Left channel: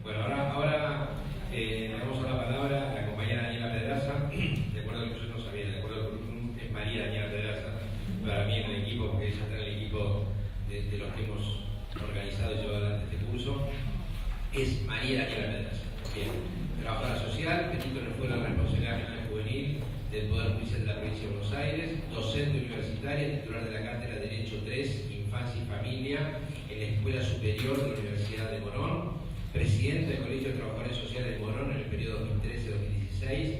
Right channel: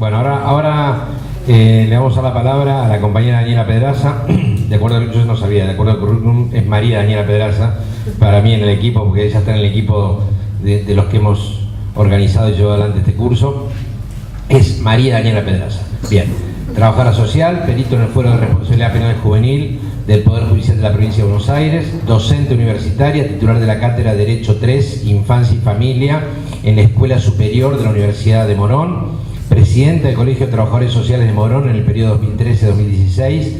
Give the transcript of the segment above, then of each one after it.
Bueno, ahora le vamos a dar la palabra a la compañera Daniela Pedraza. De acuerdo, yo no sabía, de acuerdo al currículum, es María Daniela Pedraza, para mí en el equipo, porque ella está en el equipo de los que hemos organizado y llevado adelante este curso. Es María Daniela Pedraza. Bien, trabajadora social, perito en el Fuero de Responsabilidad Penal Juvenil del Poder Judicial de la Provincia de Buenos Aires, docente universitaria, titular de la Cátedra de Derecho 3, Infancia y Familia, en la Escuela Superior de la Universidad de Morón, presidenta del Colegio de Trabajadores Sociales de Morón en el periodo 2013-2016,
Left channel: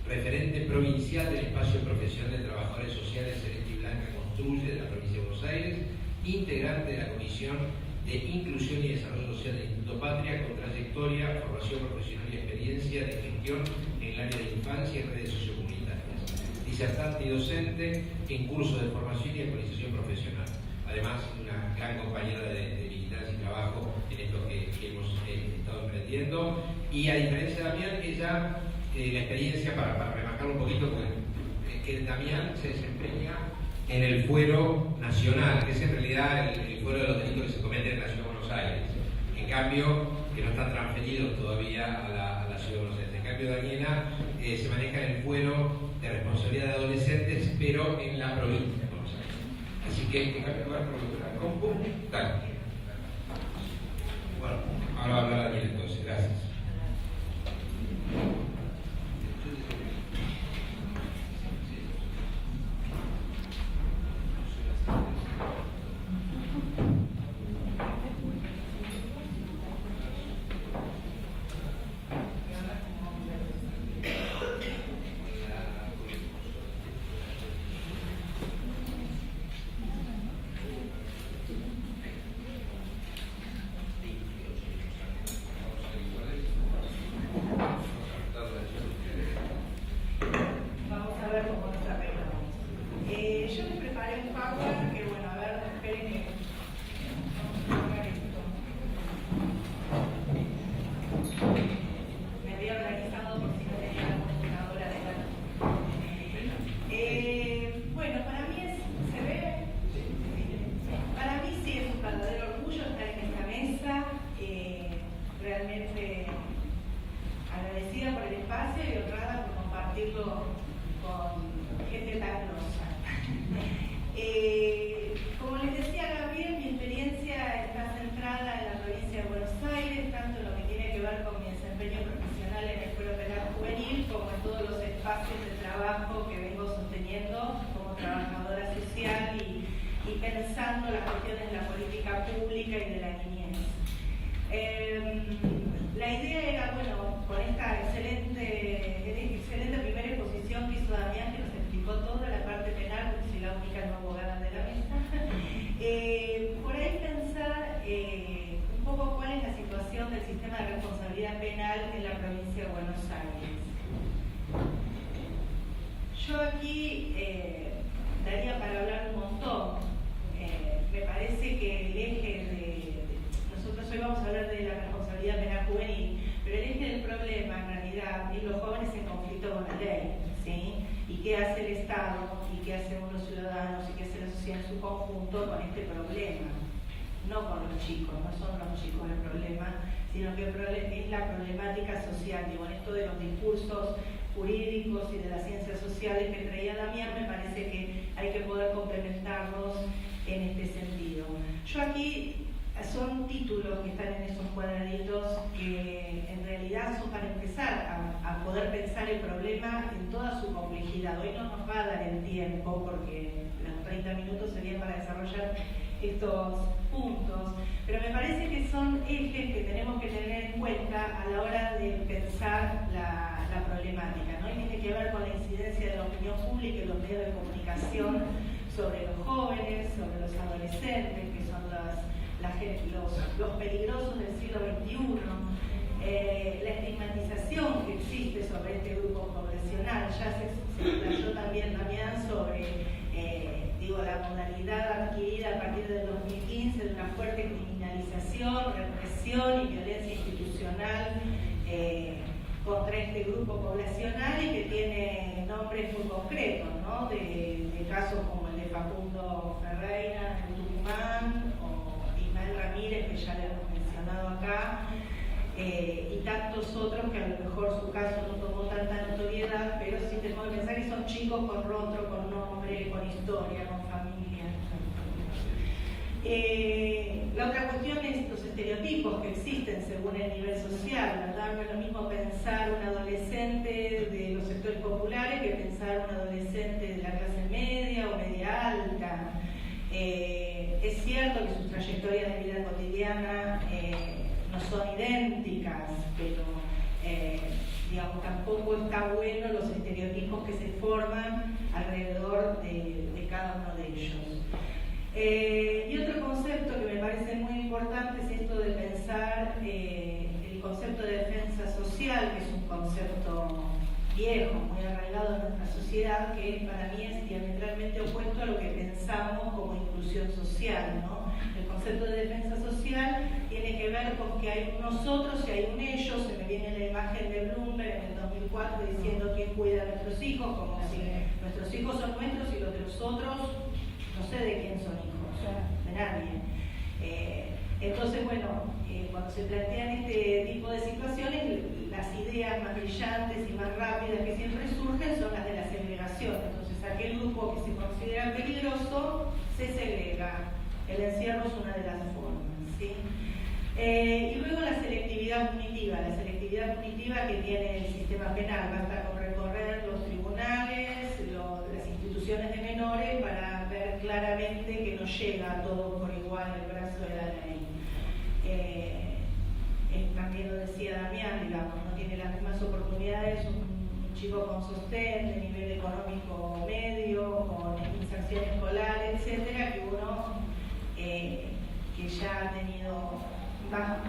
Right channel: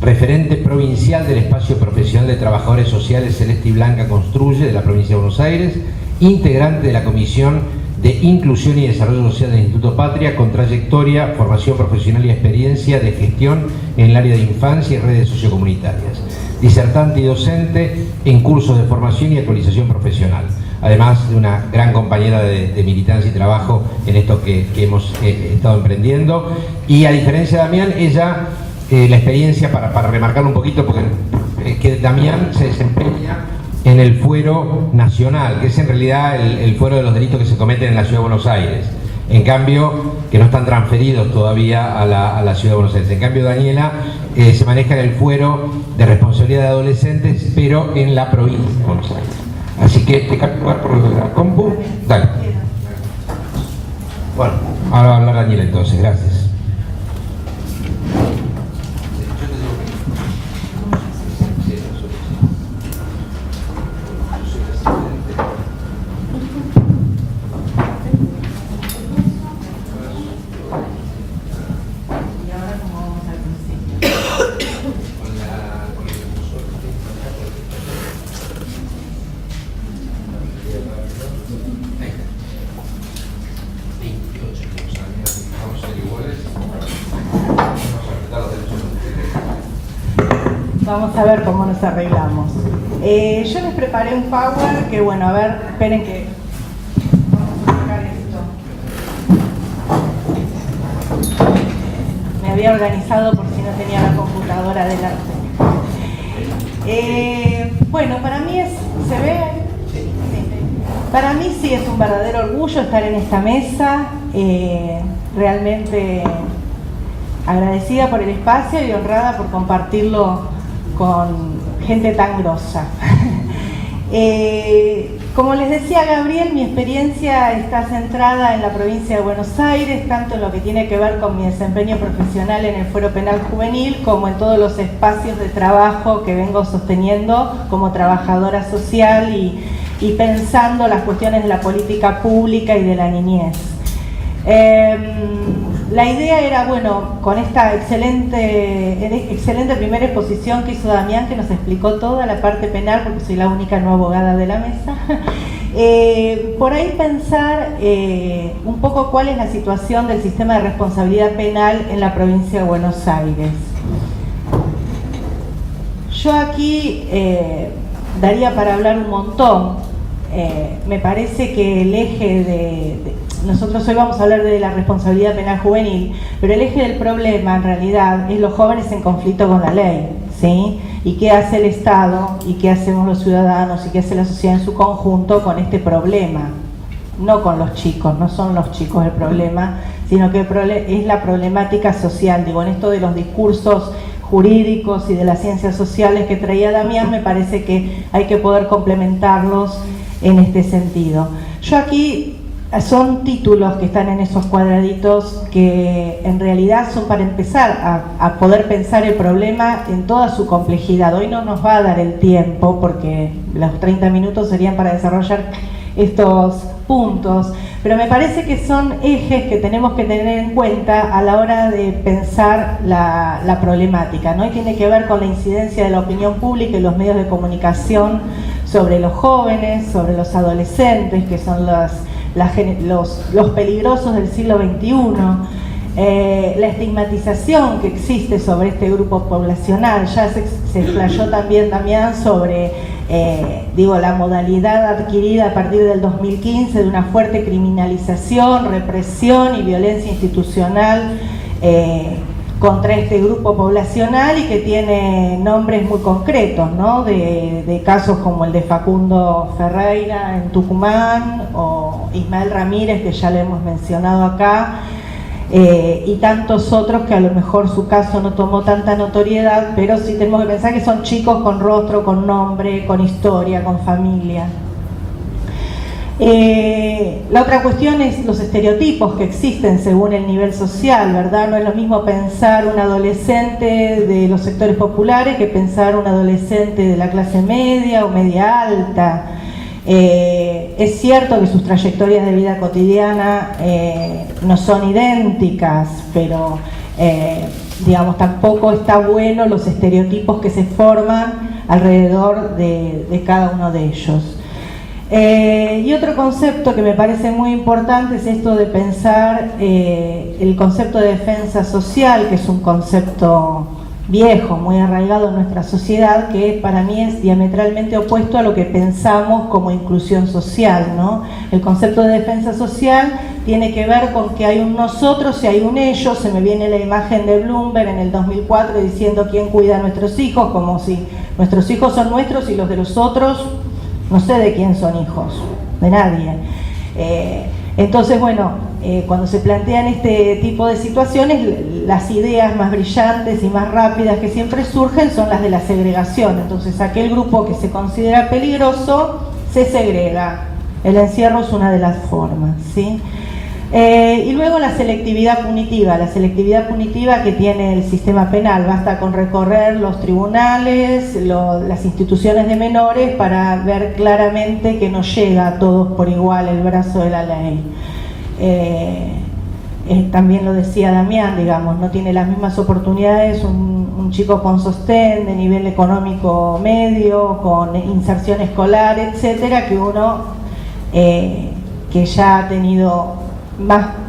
referente provincial del Espacio Profesional de Trabajadores Sociales Celeste y Blanca Construye de la Provincia de Buenos Aires, integrante de la Comisión de Inclusión y Desarrollo Social del Instituto Patria, con trayectoria, formación profesional y experiencia de gestión en el área de infancia y redes sociocomunitarias, disertante y docente en cursos de formación y actualización profesional, además de una gran compañera de militancia y trabajo en esto que hemos estado emprendiendo. Y a diferencia de Damián, ella, la experiencia, para remarcarlo un poquito, porque es que Damián se desempeña en el fuero nacional, que es en realidad el fuero de los delitos que se cometen en la Ciudad de Buenos Aires. En cambio, que no están transferidos todavía a la Ciudad de Buenos Aires. En cambio, Daniela se maneja en el fuero de responsabilidad de adolescentes, pero en la provincia de Buenos Aires. Así que te cambio lugar por la compu. Dale. Bueno, ahora va a hablar Daniela entonces, gracias. Vamos a ver cómo nos arreglamos. Yo les preparé un power que, bueno, a ver, esperen que... Vamos a sacar esto. Me había organizado por si no tenía la computadora delante. Bueno, para mí es... ¿Se ve? Sí. Para mí sí es un verdadero orgullo estar en esta mesa. Realmente agradecida por el espacio y honrada por compartirlo con gente tan grosa. Como les decía Gabriel, mi experiencia está centrada en la provincia de Buenos Aires, tanto en lo que tiene que ver con mi desempeño profesional en el Fuero Penal Juvenil, como en todos los espacios de trabajo que vengo sosteniendo como trabajadora social y pensando las cuestiones de la política pública y de la niñez. La idea era, bueno, con esta excelente primera exposición que hizo Damián, que nos explicó toda la parte penal, porque soy la única no abogada de la mesa, por ahí pensar un poco cuál es la situación del sistema de responsabilidad penal en la provincia de Buenos Aires. Yo aquí daría para hablar un montón. Me parece que el eje nosotros hoy vamos a hablar de la responsabilidad penal juvenil, pero el eje del problema en realidad es los jóvenes en conflicto con la ley, ¿sí? Y qué hace el Estado, y qué hacemos los ciudadanos, y qué hace la sociedad en su conjunto con este problema. No con los chicos, no son los chicos el problema, sino que es la problemática social. Digo, en esto de los discursos jurídicos y de las ciencias sociales que traía Damián, me parece que hay que poder complementarlos en este sentido. Yo aquí... Son títulos que están en esos cuadraditos que en realidad son para empezar a poder pensar el problema en toda su complejidad. Hoy no nos va a dar el tiempo porque los 30 minutos serían para desarrollar estos puntos, pero me parece que son ejes que tenemos que tener en cuenta a la hora de pensar la problemática, ¿no? Y tiene que ver con la incidencia de la opinión pública y los medios de comunicación sobre los jóvenes, sobre los adolescentes, que son los peligrosos del siglo XXI, la estigmatización que existe sobre este grupo poblacional. Ya se explayó también Damián sobre la modalidad adquirida a partir del 2015 de una fuerte criminalización, represión y violencia institucional contra este grupo poblacional, y que tiene nombres muy concretos, ¿no? de casos como el de Facundo Ferreira en Tucumán, o Ismael Ramírez, que ya lo hemos mencionado acá, y tantos otros que a lo mejor su caso no tomó tanta notoriedad, pero sí tenemos que pensar que son chicos con rostro, con nombre, con historia, con familia. La otra cuestión es los estereotipos que existen según el nivel social, ¿verdad? No es lo mismo pensar un adolescente de los sectores populares que pensar un adolescente de la clase media o media alta. Es cierto que sus trayectorias de vida cotidiana no son idénticas, pero digamos, tampoco está bueno los estereotipos que se forman alrededor de cada uno de ellos. Y otro concepto que me parece muy importante es esto de pensar el concepto de defensa social, que es un concepto viejo, muy arraigado en nuestra sociedad, que para mí es diametralmente opuesto a lo que pensamos como inclusión social, ¿no? El concepto de defensa social tiene que ver con que hay un nosotros y hay un ellos. Se me viene la imagen de Bloomberg en el 2004 diciendo quién cuida a nuestros hijos, como si nuestros hijos son nuestros y los de los otros, no sé de quién son hijos, de nadie. Entonces, bueno, cuando se plantean este tipo de situaciones, las ideas más brillantes y más rápidas que siempre surgen son las de la segregación. Entonces, aquel grupo que se considera peligroso se segrega. El encierro es una de las formas, ¿sí? Y luego la selectividad punitiva que tiene el sistema penal. Basta con recorrer los tribunales, las instituciones de menores para ver claramente que no llega a todos por igual el brazo de la ley. También lo decía Damián, digamos, no tiene las mismas oportunidades un chico con sostén, de nivel económico medio, con inserción escolar, etcétera, que uno que ya ha tenido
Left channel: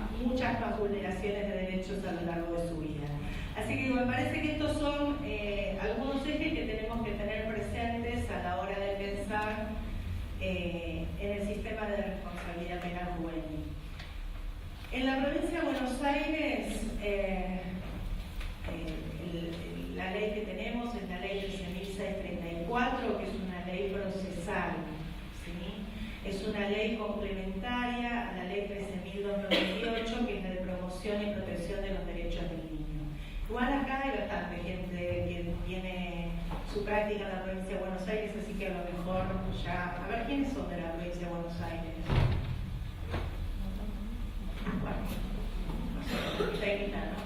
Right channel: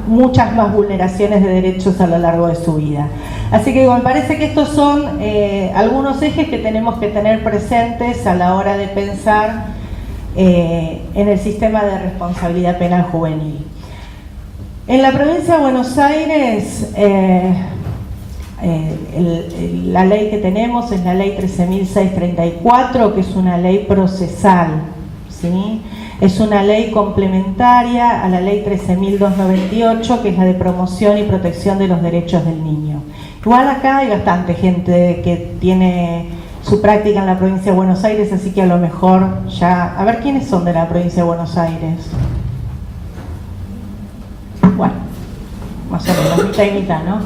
muchas más vulneraciones de derechos a lo largo de su vida. Así que me parece que estos son algunos ejes que tenemos que tener presentes a la hora de pensar en el sistema de responsabilidad penal juvenil. En la provincia de Buenos Aires, la ley que tenemos es la ley 13.634, que es una ley procesal, ¿sí? Es una ley complementaria a la ley 13.298, que es la de promoción y protección de los derechos del niño. Igual acá hay bastante gente que tiene su práctica en la provincia de Buenos Aires, así que a lo mejor ya... A ver, ¿quiénes son de la provincia de Buenos Aires? Bueno, más o menos, mitad y mitad, ¿no?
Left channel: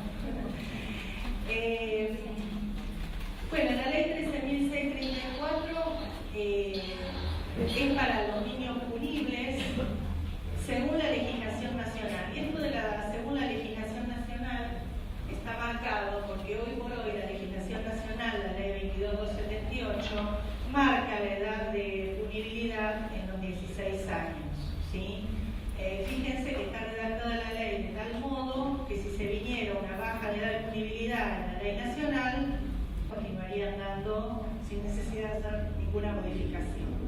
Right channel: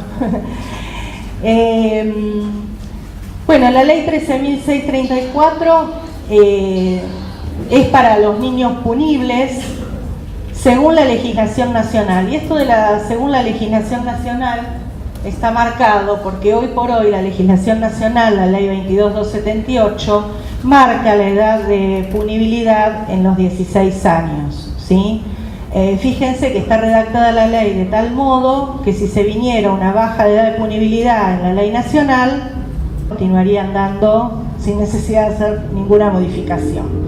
Bueno, la ley 13.634 es para los niños punibles según la legislación nacional. Y esto de según la legislación nacional está marcado porque hoy por hoy la legislación nacional, la ley 22.278, marca la edad de punibilidad en los 16 años, ¿sí? Fíjense que está redactada la ley de tal modo que si se viniera una baja de edad de punibilidad en la ley nacional, continuarían dando sin necesidad de hacer ninguna modificación.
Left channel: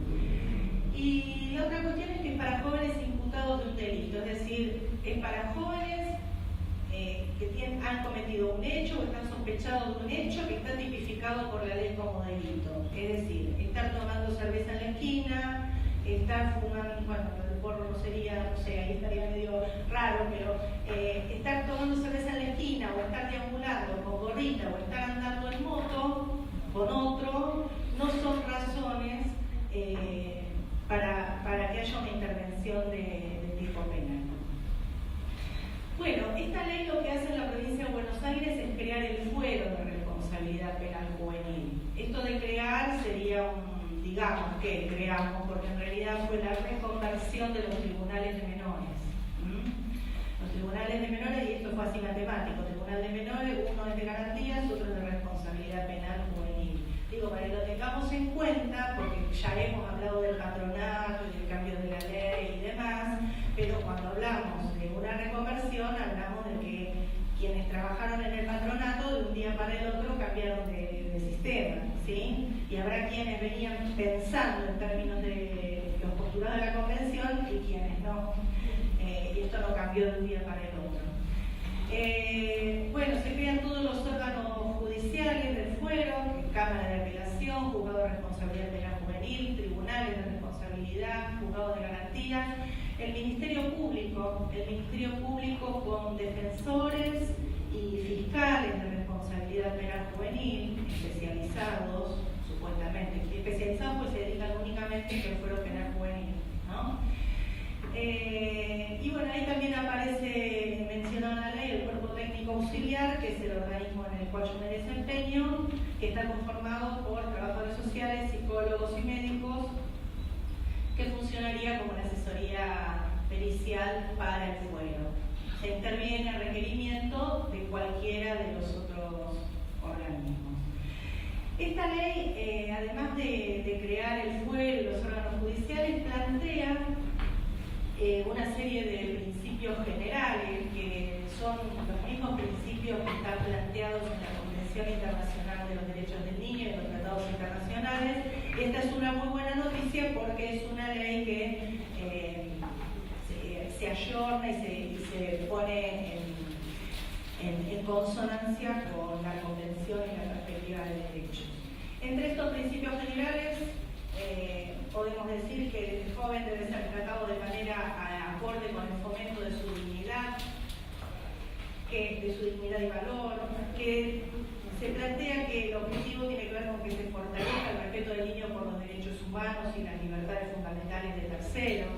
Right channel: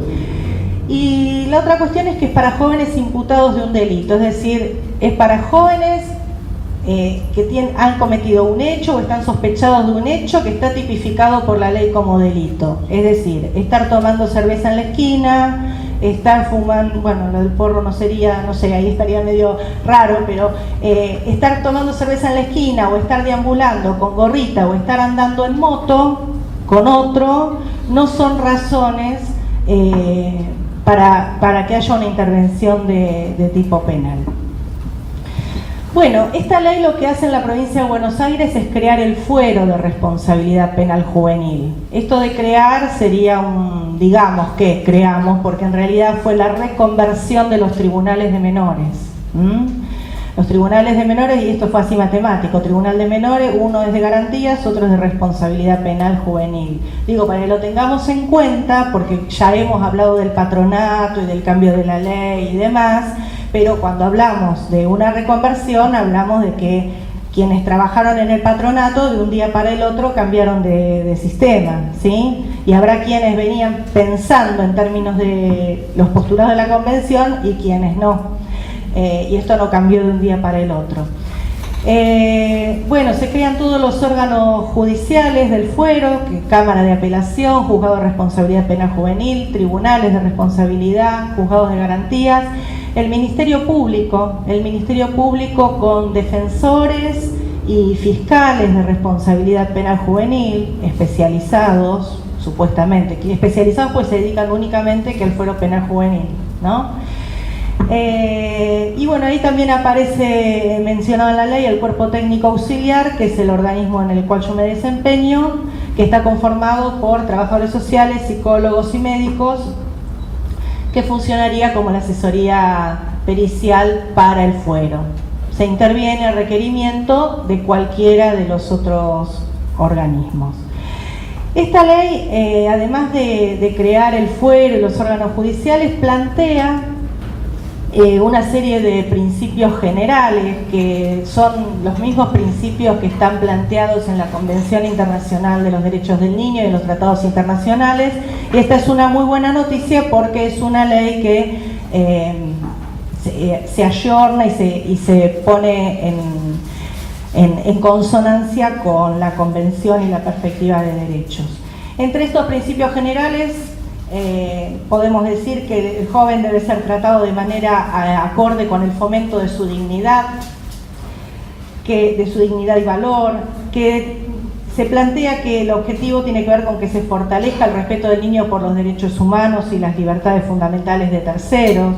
Y la otra cuestión es que es para jóvenes imputados de un delito, es decir, es para jóvenes que han cometido un hecho o están sospechados de un hecho que está tipificado por la ley como delito. Es decir, estar tomando cerveza en la esquina, estar fumando, bueno, lo del porro no sería, no sé, ahí estaría medio raro, pero estar tomando cerveza en la esquina o estar deambulando con gorrita o estar andando en moto con otro, no son razones para que haya una intervención de tipo penal. Bueno, esta ley lo que hace en la provincia de Buenos Aires es crear el fuero de responsabilidad penal juvenil. Esto de crear sería digamos que creamos, porque en realidad fue la reconversión de los tribunales de menores. Los tribunales de menores, y esto fue así matemático, tribunal de menores, uno es de garantías, otro es de responsabilidad penal juvenil. Digo, para que lo tengamos en cuenta, porque ya hemos hablado del patronato y del cambio de la ley y demás, pero cuando hablamos de una reconversión, hablamos de que quienes trabajaron en el patronato de un día para el otro cambiaron de sistema, ¿sí? Y habrá quienes venían pensando en términos de los postulados de la convención y quienes no. Y esto no cambió de un día para el otro. Bueno, se crean todos los órganos judiciales del fuero, Cámara de Apelación, Juzgado de Responsabilidad Penal Juvenil, Tribunales de Responsabilidad, Juzgados de Garantías. el Ministerio Público con defensores y fiscales de responsabilidad penal juvenil, especializados, supuestamente, que especializados pues se dedican únicamente que al fuero penal juvenil, ¿no? Y bueno, ahí también aparece mencionado en la ley el cuerpo técnico auxiliar, que es el organismo en el cual yo me desempeño, que está conformado por trabajadores sociales, psicólogos y médicos, que funcionaría como la asesoría pericial para el fuero. Se interviene a requerimiento de cualquiera de los otros organismos. Esta ley, además de crear el fuero y los órganos judiciales, plantea una serie de principios generales que son los mismos principios que están planteados en la Convención Internacional de los Derechos del Niño y en los tratados internacionales. Esta es una muy buena noticia porque es una ley que se ayorna y se pone en consonancia con la Convención y la perspectiva de derechos. Entre estos principios generales podemos decir que el joven debe ser tratado de manera acorde con el fomento de su dignidad, y valor, que se plantea que el objetivo tiene que ver con que se fortalezca el respeto del niño por los derechos humanos y las libertades fundamentales de terceros,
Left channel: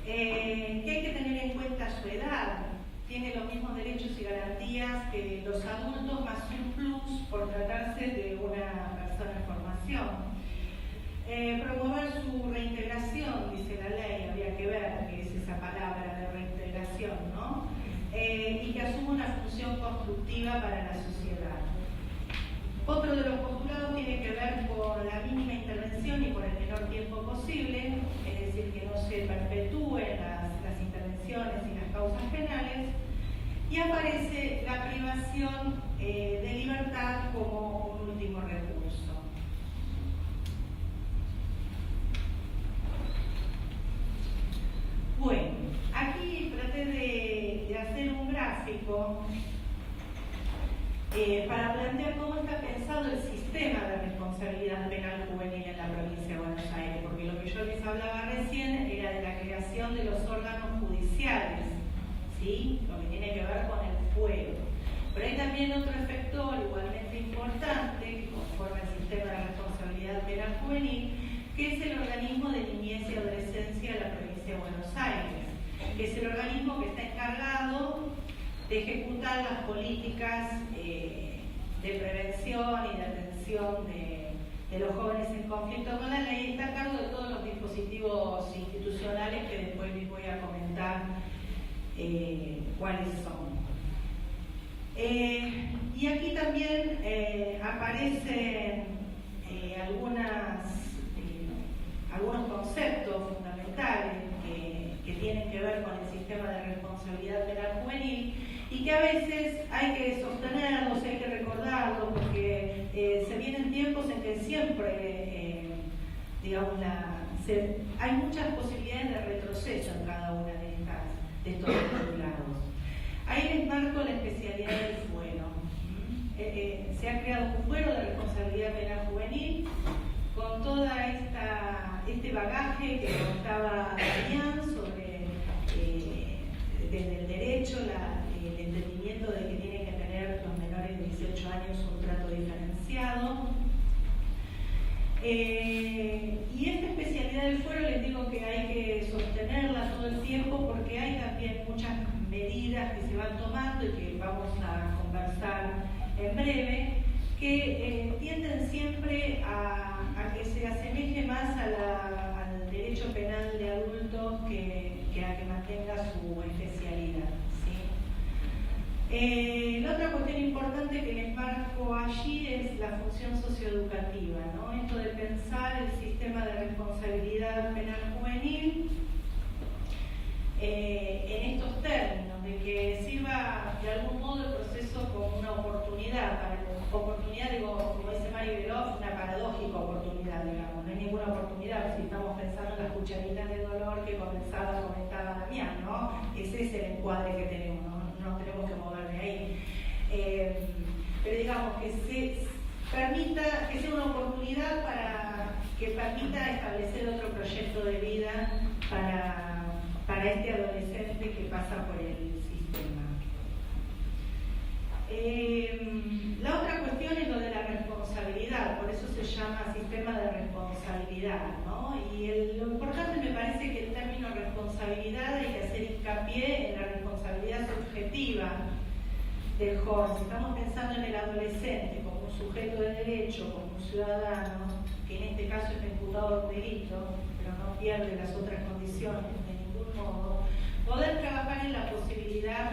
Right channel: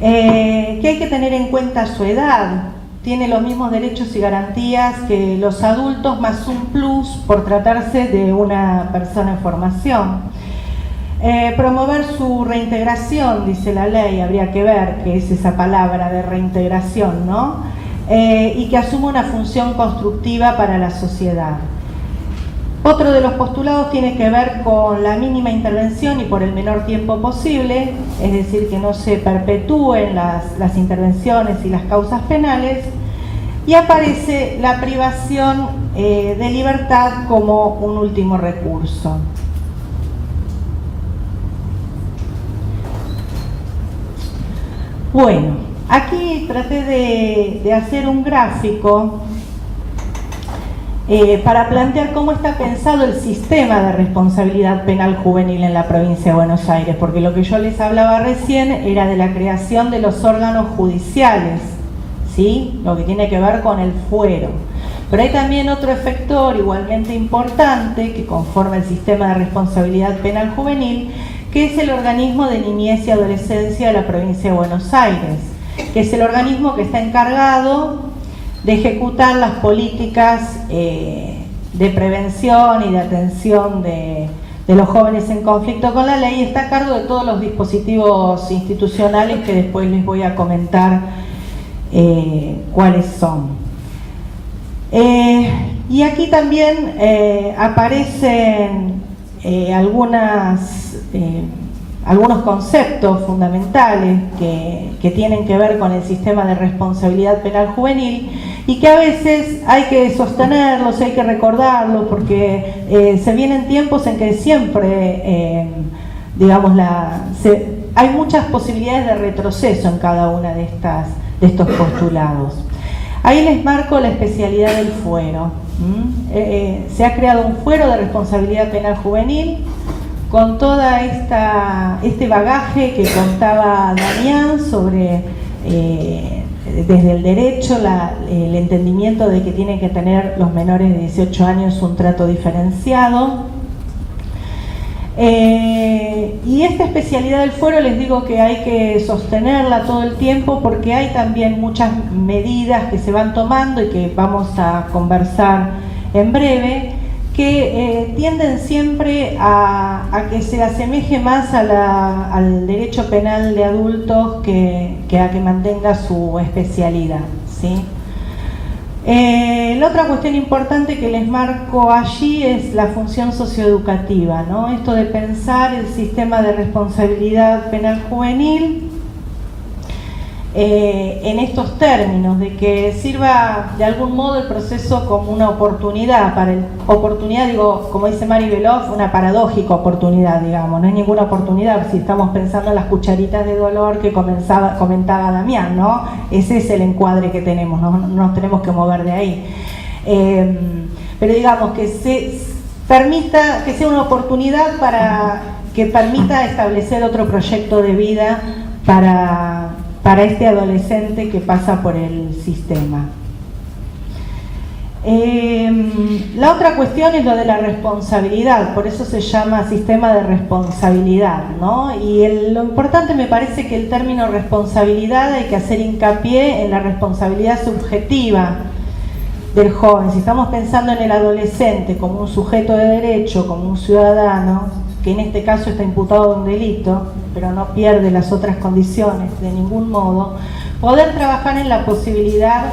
que hay que tener en cuenta su edad, tiene los mismos derechos y garantías que los adultos, más un plus por tratarse de una persona en formación. Promover su reintegración, dice la ley, habría que ver qué es esa palabra de reintegración, ¿no? Y que asuma una función constructiva para la sociedad. Otro de los postulados tiene que ver con la mínima intervención y por el menor tiempo posible, es decir, que no se perpetúen las intervenciones y las causas penales, y aparece la privación de libertad como un último recurso. Bueno, aquí traté de hacer un gráfico para plantear cómo está pensado el sistema de responsabilidad penal juvenil en la provincia de Buenos Aires, porque lo que yo les hablaba recién era de la creación de los órganos judiciales, ¿sí? Lo que tiene que ver con el fuero. Pero hay también otro efector igualmente importante que conforma el sistema de responsabilidad penal juvenil, que es el organismo de niñez y adolescencia de la provincia de Buenos Aires, que es el organismo que está encargado de ejecutar las políticas de prevención y de atención de los jóvenes en conflicto con la ley, y está a cargo de todos los dispositivos institucionales que después les voy a comentar cuáles son. Y aquí también aparecen algunos conceptos fundamentales que tienen que ver con el sistema de responsabilidad penal juvenil y que a veces hay que sostenerlos, hay que recordarlos, porque se vienen tiempos en que siempre, hay muchas posibilidades de retroceso en cada una de estos postulados. Ahí les marco la especialidad del fuero. Se ha creado un fuero de responsabilidad penal juvenil con toda este bagaje que contaba Damián sobre, desde el derecho, el entendimiento de que tienen que tener los menores de 18 años un trato diferenciado. Y esta especialidad del fuero les digo que hay que sostenerla todo el tiempo porque hay también muchas medidas que se van tomando y que vamos a conversar en breve, que tienden siempre a que se asemeje más al derecho penal de adultos que a que mantenga su especialidad, ¿sí? La otra cuestión importante que les marco allí es la función socioeducativa, ¿no? Esto de pensar el sistema de responsabilidad penal juvenil en estos términos, de que sirva de algún modo el proceso como una oportunidad, digo, como dice Mari Beloff, una paradójica oportunidad, digamos, no es ninguna oportunidad si estamos pensando en las cucharitas de dolor que comentaba Damián, ¿no? Ese es el encuadre que tenemos, no nos tenemos que mover de ahí. Pero digamos que que sea una oportunidad para que permita establecer otro proyecto de vida para para este adolescente que pasa por el sistema. La otra cuestión es lo de la responsabilidad, por eso se llama sistema de responsabilidad, ¿no? Y lo importante me parece que el término responsabilidad hay que hacer hincapié en la responsabilidad subjetiva del joven. Si estamos pensando en el adolescente como un sujeto de derecho, como un ciudadano, que en este caso está imputado de un delito, pero no pierde las otras condiciones de ningún modo, poder trabajar en la posibilidad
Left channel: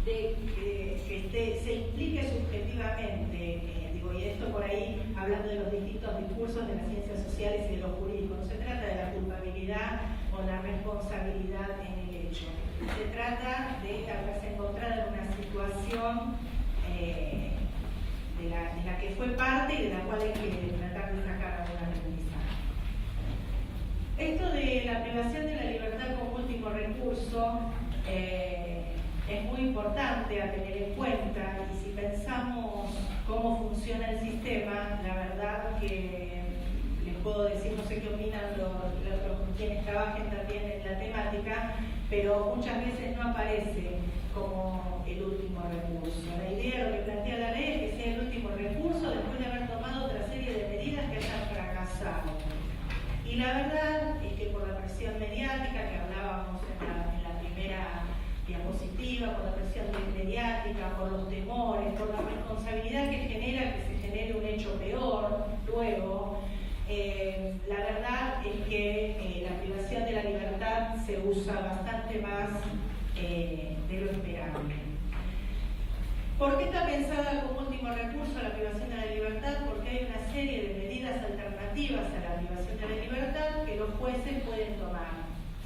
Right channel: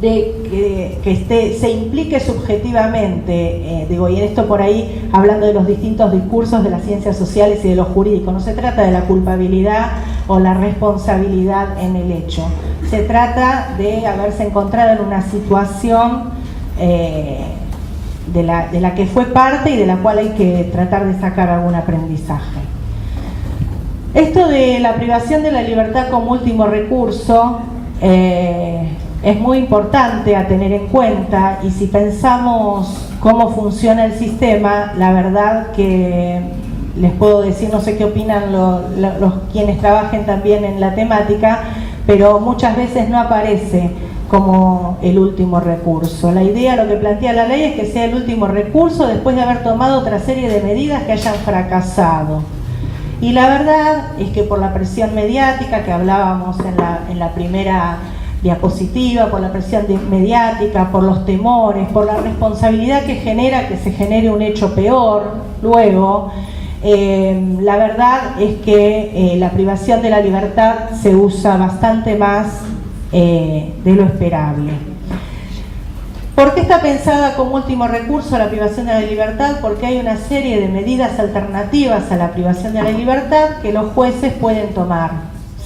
de que se implique subjetivamente, y en esto por ahí hablando de los distintos discursos de las ciencias sociales y de lo jurídico, no se trata de la culpabilidad o la responsabilidad en el hecho, se trata de haberse encontrado en una situación de la que fue parte y de la cual hay que tratar de sacar algún aprendizaje. Esto de la privación de la libertad como último recurso es muy importante a tener en cuenta, y si pensamos cómo funciona el sistema, la verdad que les puedo decir, no sé qué opinan los quienes trabajen también en la temática, pero muchas veces no aparece como el último recurso. La idea, lo que plantea la ley, es que sea el último recurso después de haber tomado otra serie de medidas que hayan fracasado. Y la verdad es que por la presión mediática que hablábamos en la primera diapositiva, por la presión mediática, por los temores, por la responsabilidad que genera que se genere un hecho peor luego, la verdad es que la privación de la libertad se usa bastante más de lo esperable. ¿Por qué está pensada como último recurso la privación de la libertad? Porque hay una serie de medidas alternativas a la privación de la libertad que los jueces pueden tomar,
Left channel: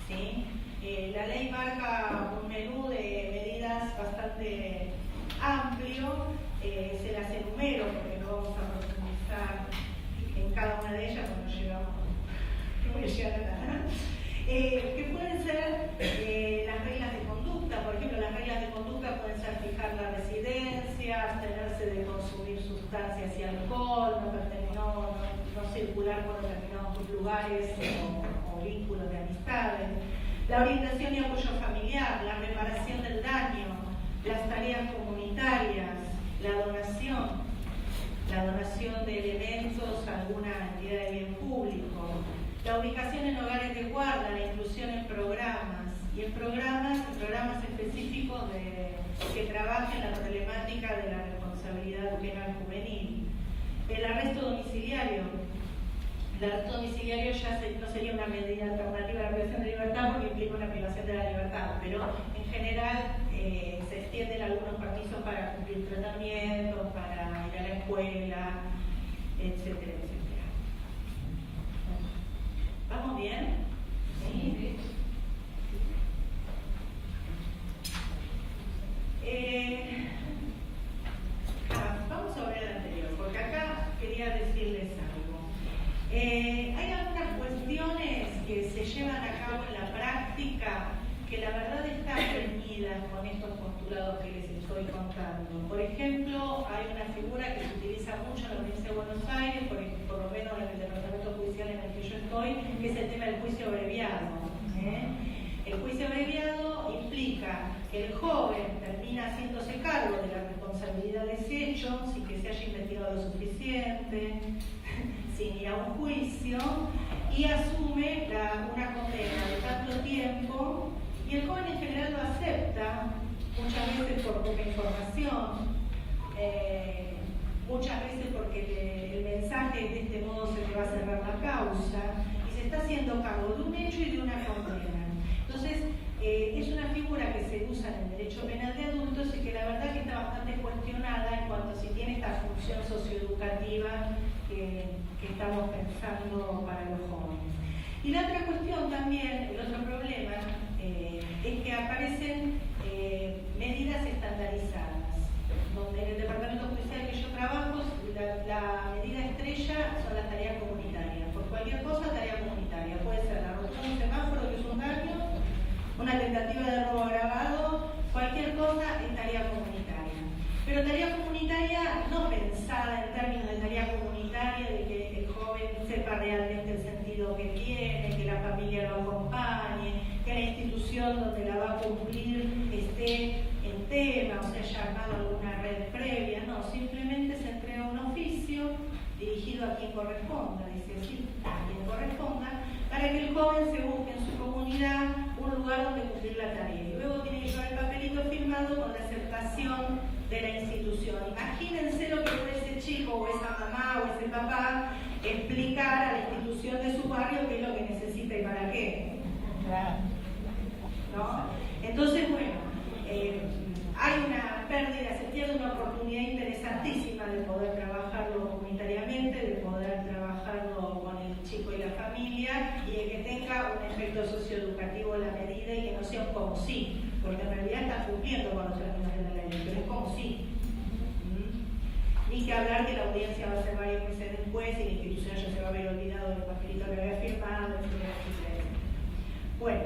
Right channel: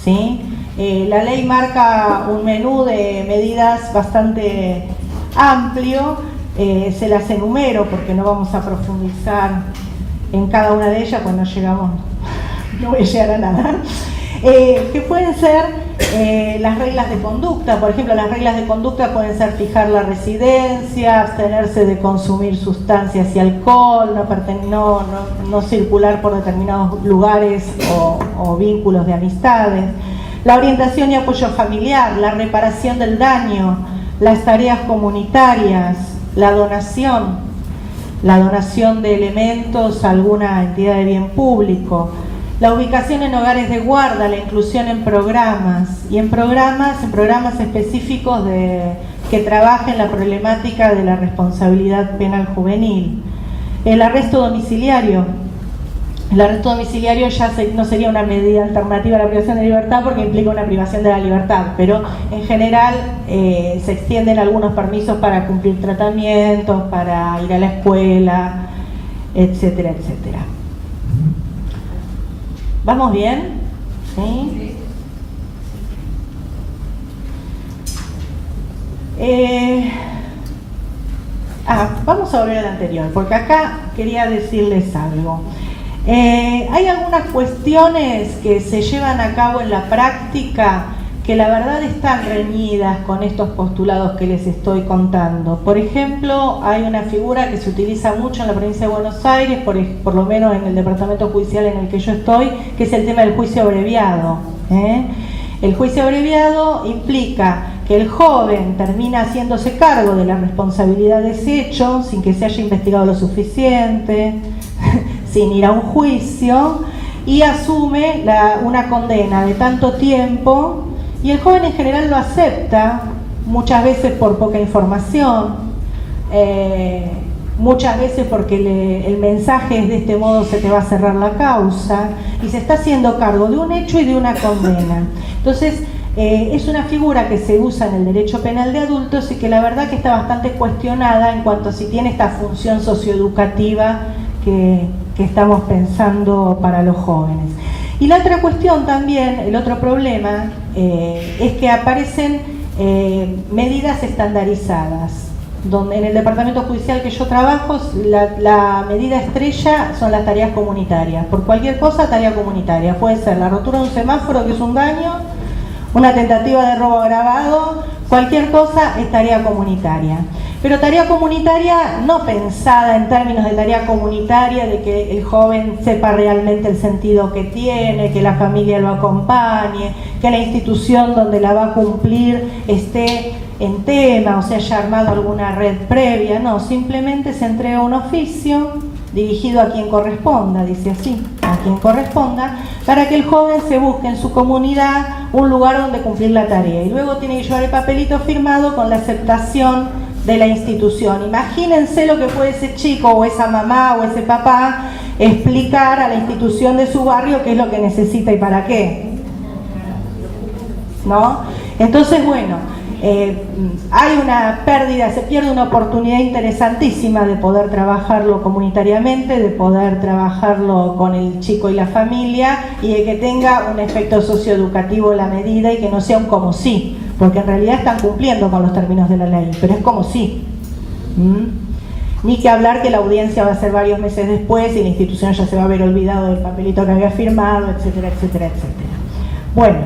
¿sí? La ley marca un menú de medidas bastante amplio, se las enumero porque no vamos a profundizar en cada una de ellas, pues no voy a llegar a nada. Que pueden ser las reglas de conducta. Por ejemplo, las reglas de conducta pueden ser fijar la residencia, abstenerse de consumir sustancias y alcohol, no circular por determinados lugares o vínculos de amistades, la orientación y apoyo familiar, la reparación del daño, las tareas comunitarias, la donación de elementos a alguna entidad de bien público, la ubicación en hogares de guarda, la inclusión en programas específicos que trabajen la problemática de la responsabilidad penal juvenil, el arresto domiciliario. El arresto domiciliario ya no sería una medida alternativa a la privación de libertad porque implica una privación de la libertad, pero en general se extienden algunos permisos para cumplir tratamientos, para ir a la escuela, etcétera, etcétera. ¿Vamos bien? ¿Sí? Vamos a volver al anterior, porque acá quería decirles algo. Hay algunas cuestiones que se llevan a cabo en la práctica que la verdad están reñidas con estos postulados que les estoy contando. Por ejemplo, hay una figura que se utiliza mucho en la provincia de Buenos Aires, por lo menos en el departamento judicial en el que yo estoy, que es el tema del juicio abreviado. El juicio abreviado implica que el joven termina haciéndose cargo de la responsabilidad de ese hecho sin que se haya investigado lo suficiente, sin ir a un juicio, y asume una condena de tanto tiempo, y el joven en general lo acepta, muchas veces por poca información, muchas veces porque el mensaje es: de este modo se te va a cerrar la causa, y se está haciendo cargo de un hecho y de una condena. Entonces es una figura que se usa en el derecho penal de adultos y que la verdad que está bastante cuestionada en cuanto a si tiene esta función socioeducativa que estamos pensando para los jóvenes. Y la otra cuestión también, el otro problema, es que aparecen medidas estandarizadas. Donde en el departamento judicial que yo trabajo, la medida estrella son las tareas comunitarias. Por cualquier cosa, tarea comunitaria. Puede ser la rotura de un semáforo, que es un daño, una tentativa de robo agravado, cualquier cosa es tarea comunitaria. pero tarea comunitaria no pensada en términos de tarea comunitaria, de que el joven sepa realmente el sentido que tiene, que la familia lo acompañe, que la institución donde la va a cumplir esté en tema, o sea, haya armado alguna red previa. No, simplemente se entrega un oficio dirigido a quien corresponda, dice así, a quien corresponda, para que el joven se busque en su comunidad un lugar donde cumplir la tarea, y luego tiene que llevar el papelito firmado con la aceptación de la institución. Imagínense lo que puede ese chico o esa mamá o ese papá explicar a la institución de su barrio qué es lo que necesita y para qué, ¿no? Entonces, bueno, hay una pérdida, se pierde una oportunidad interesantísima de poder trabajarlo comunitariamente, de poder trabajarlo con el chico y la familia, y de que tenga un efecto socioeducativo la medida y que no sea un como sí, porque en realidad están cumpliendo con los términos de la ley, pero es como sí. Ni que hablar que la audiencia va a ser varios meses después y la institución ya se va a haber olvidado del papelito que había firmado, etcétera, etcétera, etcétera. Bueno,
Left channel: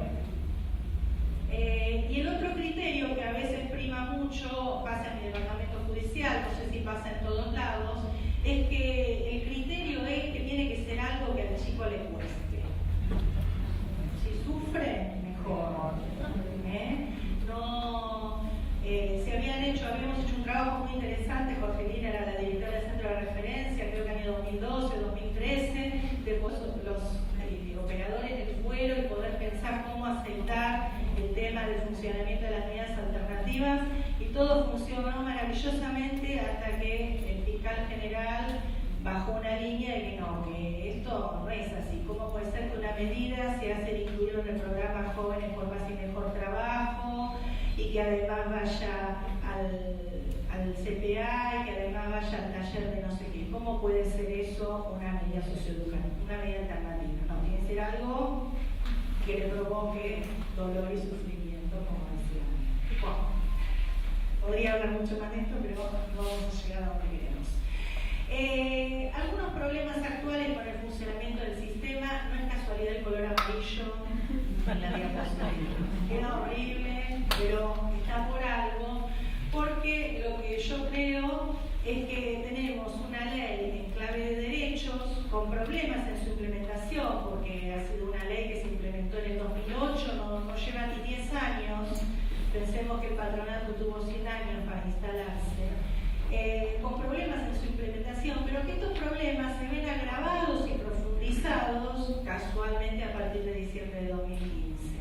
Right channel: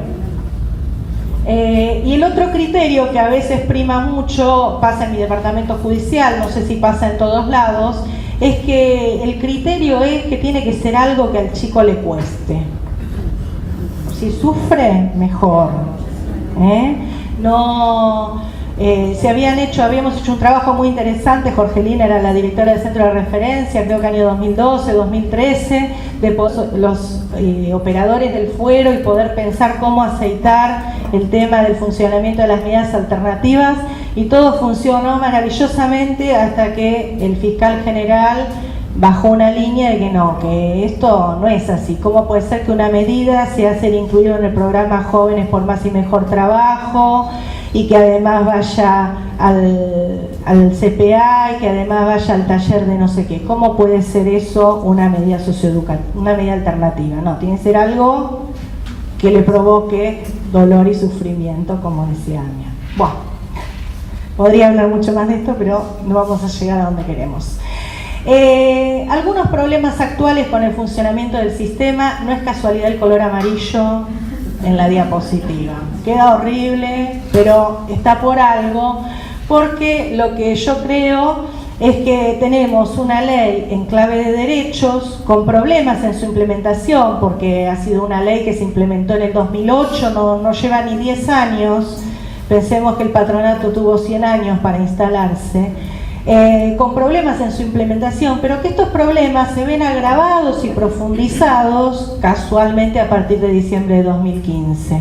y el otro criterio que a veces prima mucho, pasa en mi departamento judicial, no sé si pasa en todos lados, es que el criterio es que tiene que ser algo que al chico le cueste. Si sufre, mejor. Habíamos hecho un trabajo muy interesante. Jorgelina era la directora del centro de referencia, creo que año 2012, 2013, de los operadores del fuero, y poder pensar cómo aceitar el tema del funcionamiento de las medidas alternativas, y todo funcionó maravillosamente hasta que el fiscal general bajó una línea de que no, que esto no es así. ¿Cómo puede ser que una medida sea ser incluido en el programa Jóvenes por Más y Mejor Trabajo, y que además vaya al CPA, y que además vaya al taller de no sé qué? ¿Cómo puede ser eso una medida socioeducativa, una medida alternativa? No, tiene que ser algo que le provoque dolor y sufrimiento, como decía Ania. Bueno, podría hablar mucho más de esto, pero no vamos a llegar a donde queremos. Algunos problemas actuales con el funcionamiento del sistema. No es casualidad el color amarillo en la diapositiva, queda horrible, pero está por algo, porque lo que yo creo es que tenemos una ley en clave de derechos con problemas en su implementación, porque ha sido una ley que se implementó en el 2008, no lleva ni 10 años. Pensemos que el patronato tuvo 100 años para instalarse. Con problemas en su implementación, pero que estos problemas se ven agravados y profundizados casualmente a partir de diciembre de 2015.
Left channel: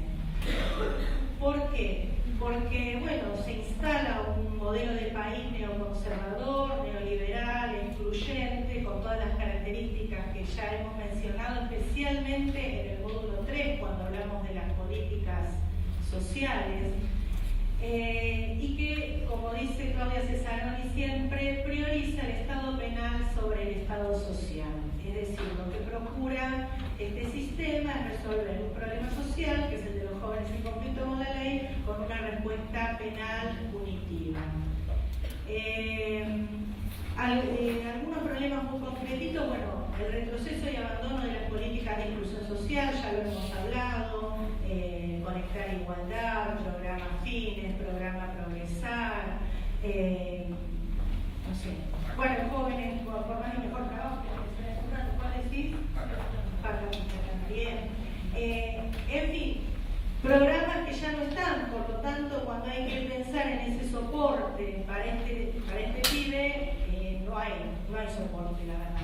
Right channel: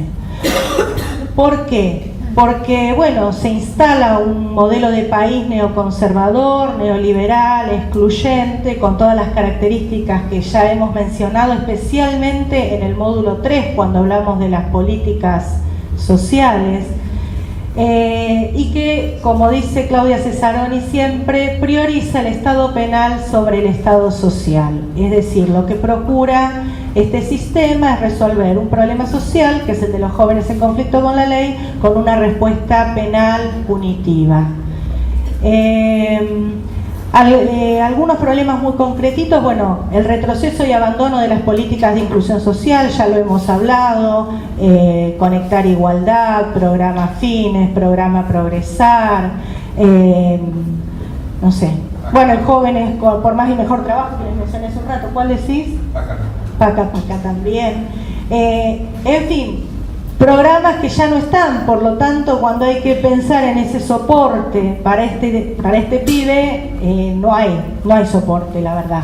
¿Por qué? Porque, bueno, se instala un modelo de país neoconservador, neoliberal, excluyente, con todas las características que ya hemos mencionado, especialmente en el módulo 3, cuando hablamos de las políticas sociales. Y que, como dice Claudia Cesaroni siempre, prioriza el Estado penal sobre el Estado social. Es decir, lo que procura este sistema es resolver un problema social, que es el de los jóvenes en conflicto con la ley, con una respuesta penal punitiva. Algunos problemas muy concretitos, bueno, el retroceso y abandono de las políticas de inclusión social, ya lo hemos hablado, Conectar Igualdad, programa Fines, programa Progresar, no sé. Bueno, el Jóvenes por Más y Mejor Trabajo, que les mencioné hace un rato, ¿cuál decís? Paca también. En fin, programas que ya no están, por lo tanto, cuando hay que pensar en ese soporte para este pibe, no hay soporte, la verdad,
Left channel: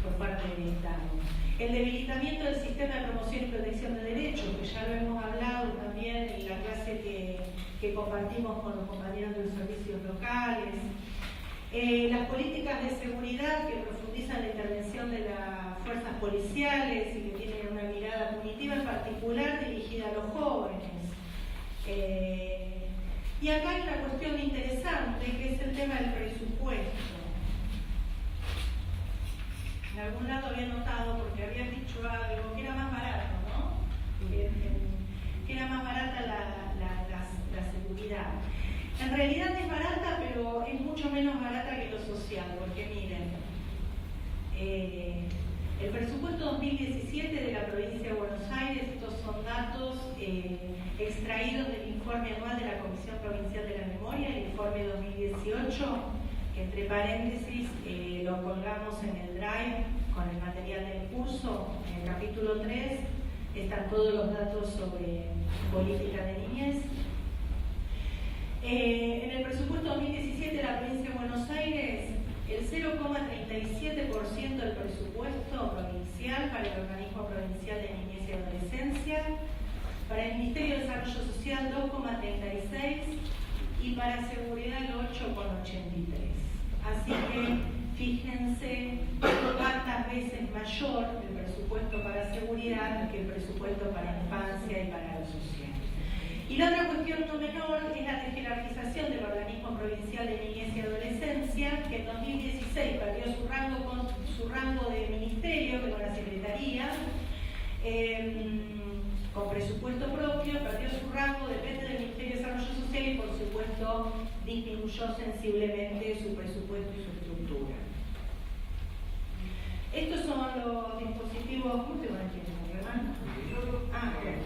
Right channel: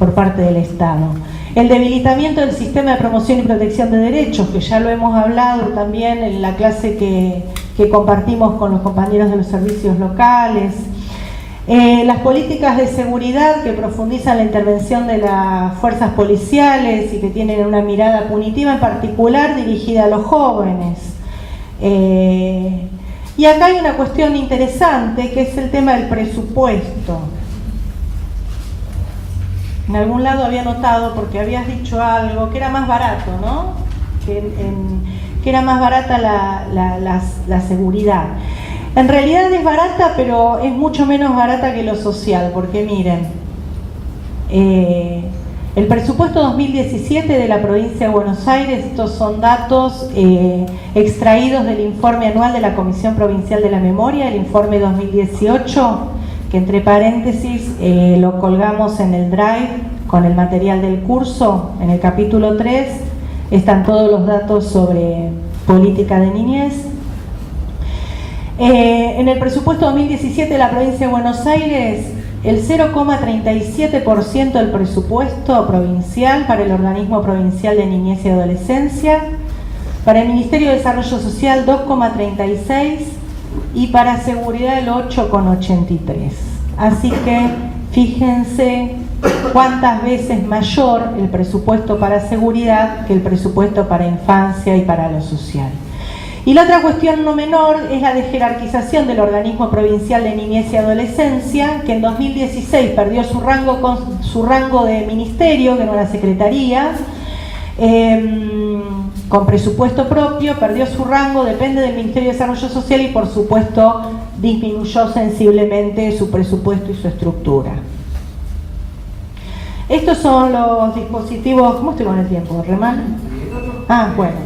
por parte del Estado. El debilitamiento del sistema de promoción y protección de derechos, que ya lo hemos hablado también en la clase que compartimos con los compañeros de los servicios locales. Las políticas de seguridad que profundizan la intervención de las fuerzas policiales y que tienen una mirada punitiva, en particular dirigida a los jóvenes. Y acá hay una cuestión interesante, que es el tema del presupuesto. En algún lado había notado, porque habías dicho algo, que era más barato, ¿no? Que era más barata la seguridad. En realidad es barata, pero es mucho menos barata que lo social, porque miren, El presupuesto 2017 de la provincia de Buenos Aires, estos son datos extraídos del informe anual de la Comisión Provincial de la Memoria, el informe 2018, que entre paréntesis lo colgamos en el Drive con el material del curso. En el capítulo 3 están todos los datos sobre política de niñez. En el presupuesto 2017 de la provincia de Buenos Aires, el 0,37% del presupuesto provincial para el Organismo Provincial de Niñez y Adolescencia, para el Ministerio de Desarrollo Social 2,36% y para Seguridad el 8,83%. Así que fíjense cuántas veces mayor el presupuesto para seguridad que el presupuesto para infancia y para lo social. Y la otra cuestión no menor es la de jerarquización del Organismo Provincial de Niñez y Adolescencia, que en 2016 perdió su rango de ministerio, que no era secretaría, con presupuesto propio, perdió su rango, depende del Ministerio de Desarrollo Social y por supuesto disminuyó sensiblemente su presupuesto y su estructura. Estos son los dispositivos. ¿Cómo estoy con el tiempo? ¿Re mal? Ah, bueno.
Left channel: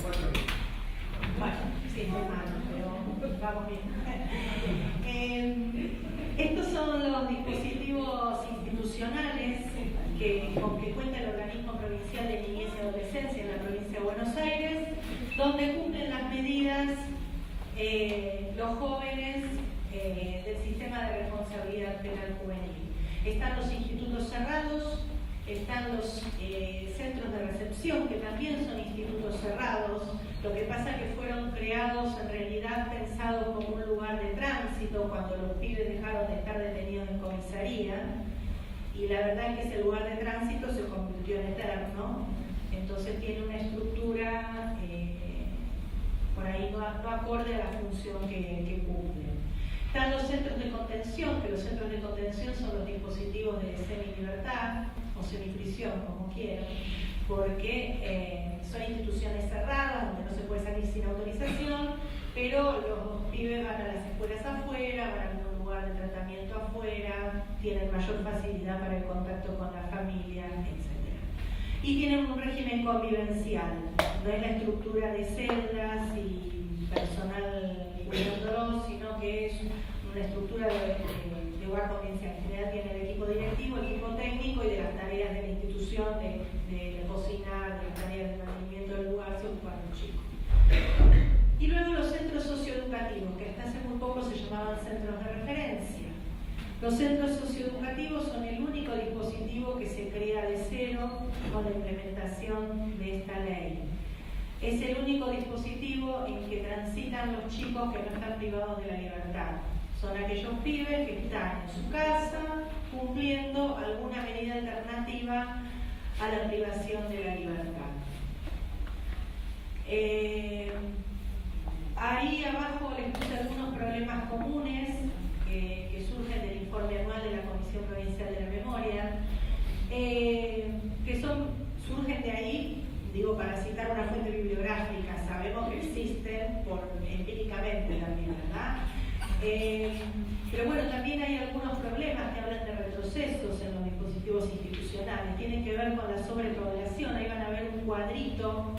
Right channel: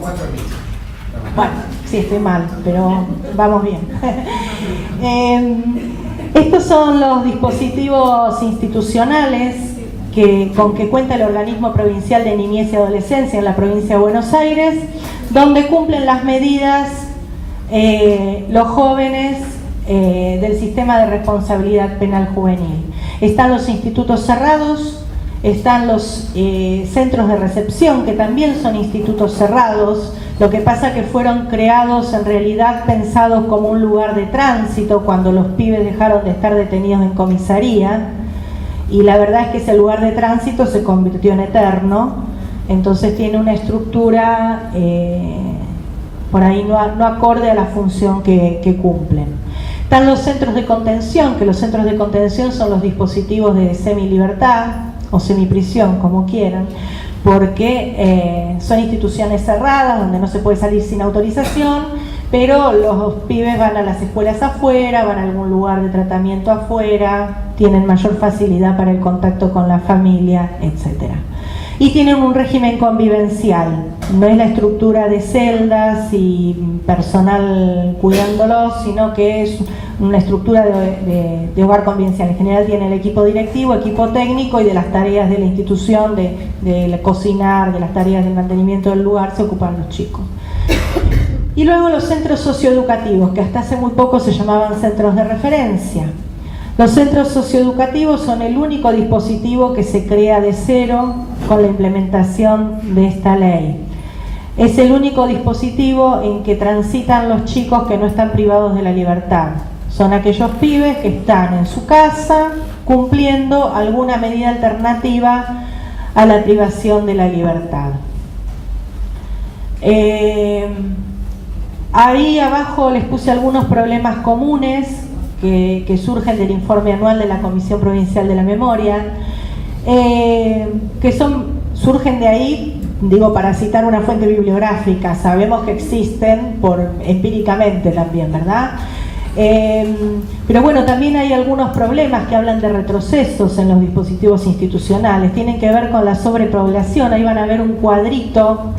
Bueno, sí, estoy mal, pero vamos bien. Estos son los dispositivos institucionales con que cuenta el Organismo Provincial de Niñez y Adolescencia en la provincia de Buenos Aires, donde cumplen las medidas los jóvenes del sistema de responsabilidad penal juvenil. Están los institutos cerrados, están los centros de recepción, que también son institutos cerrados. Lo que pasa que fueron creados en realidad pensados como un lugar de tránsito cuando los pibes dejaron de estar detenidos en comisaría, y la verdad es que ese lugar de tránsito se convirtió en eterno, entonces tiene una estructura por ahí no acorde a la función que cumplen. Están los centros de contención, que los centros de contención son los dispositivos de semilibertad o semiprisión, como quieran, porque son instituciones cerradas donde no se puede salir sin autorización, pero los pibes van a las escuelas afuera, van a algún lugar de tratamiento afuera, tienen mayor facilidad para el contacto con la familia, etc. Y tienen un régimen convivencial, no es la estructura de celdas y personal cuidándolos, sino que es una estructura de hogar convivencial. En general tiene el equipo directivo, equipo técnico, y de las tareas de la institución, de cocinar, de las tareas de mantenimiento del lugar, se ocupan los chicos. Y luego los centros socioeducativos, que hasta hace muy poco se llamaban centros de referencia. Los centros socioeducativos son el único dispositivo que se crea de cero con la implementación de esta ley. Es el único dispositivo en que transitan los chicos que no están privados de la libertad. Son aquellos pibes que están en su casa cumpliendo alguna medida alternativa a la privación de la libertad. Ahí abajo les puse algunos problemas comunes que surgen del informe anual de la Comisión Provincial de la Memoria, que surgen de ahí, digo, para citar una fuente bibliográfica. Sabemos que existen empíricamente también, ¿verdad? Pero bueno, también hay algunos problemas que hablan de retrocesos en los dispositivos institucionales. Tienen que ver con la sobrepoblación. Ahí van a ver un cuadrito,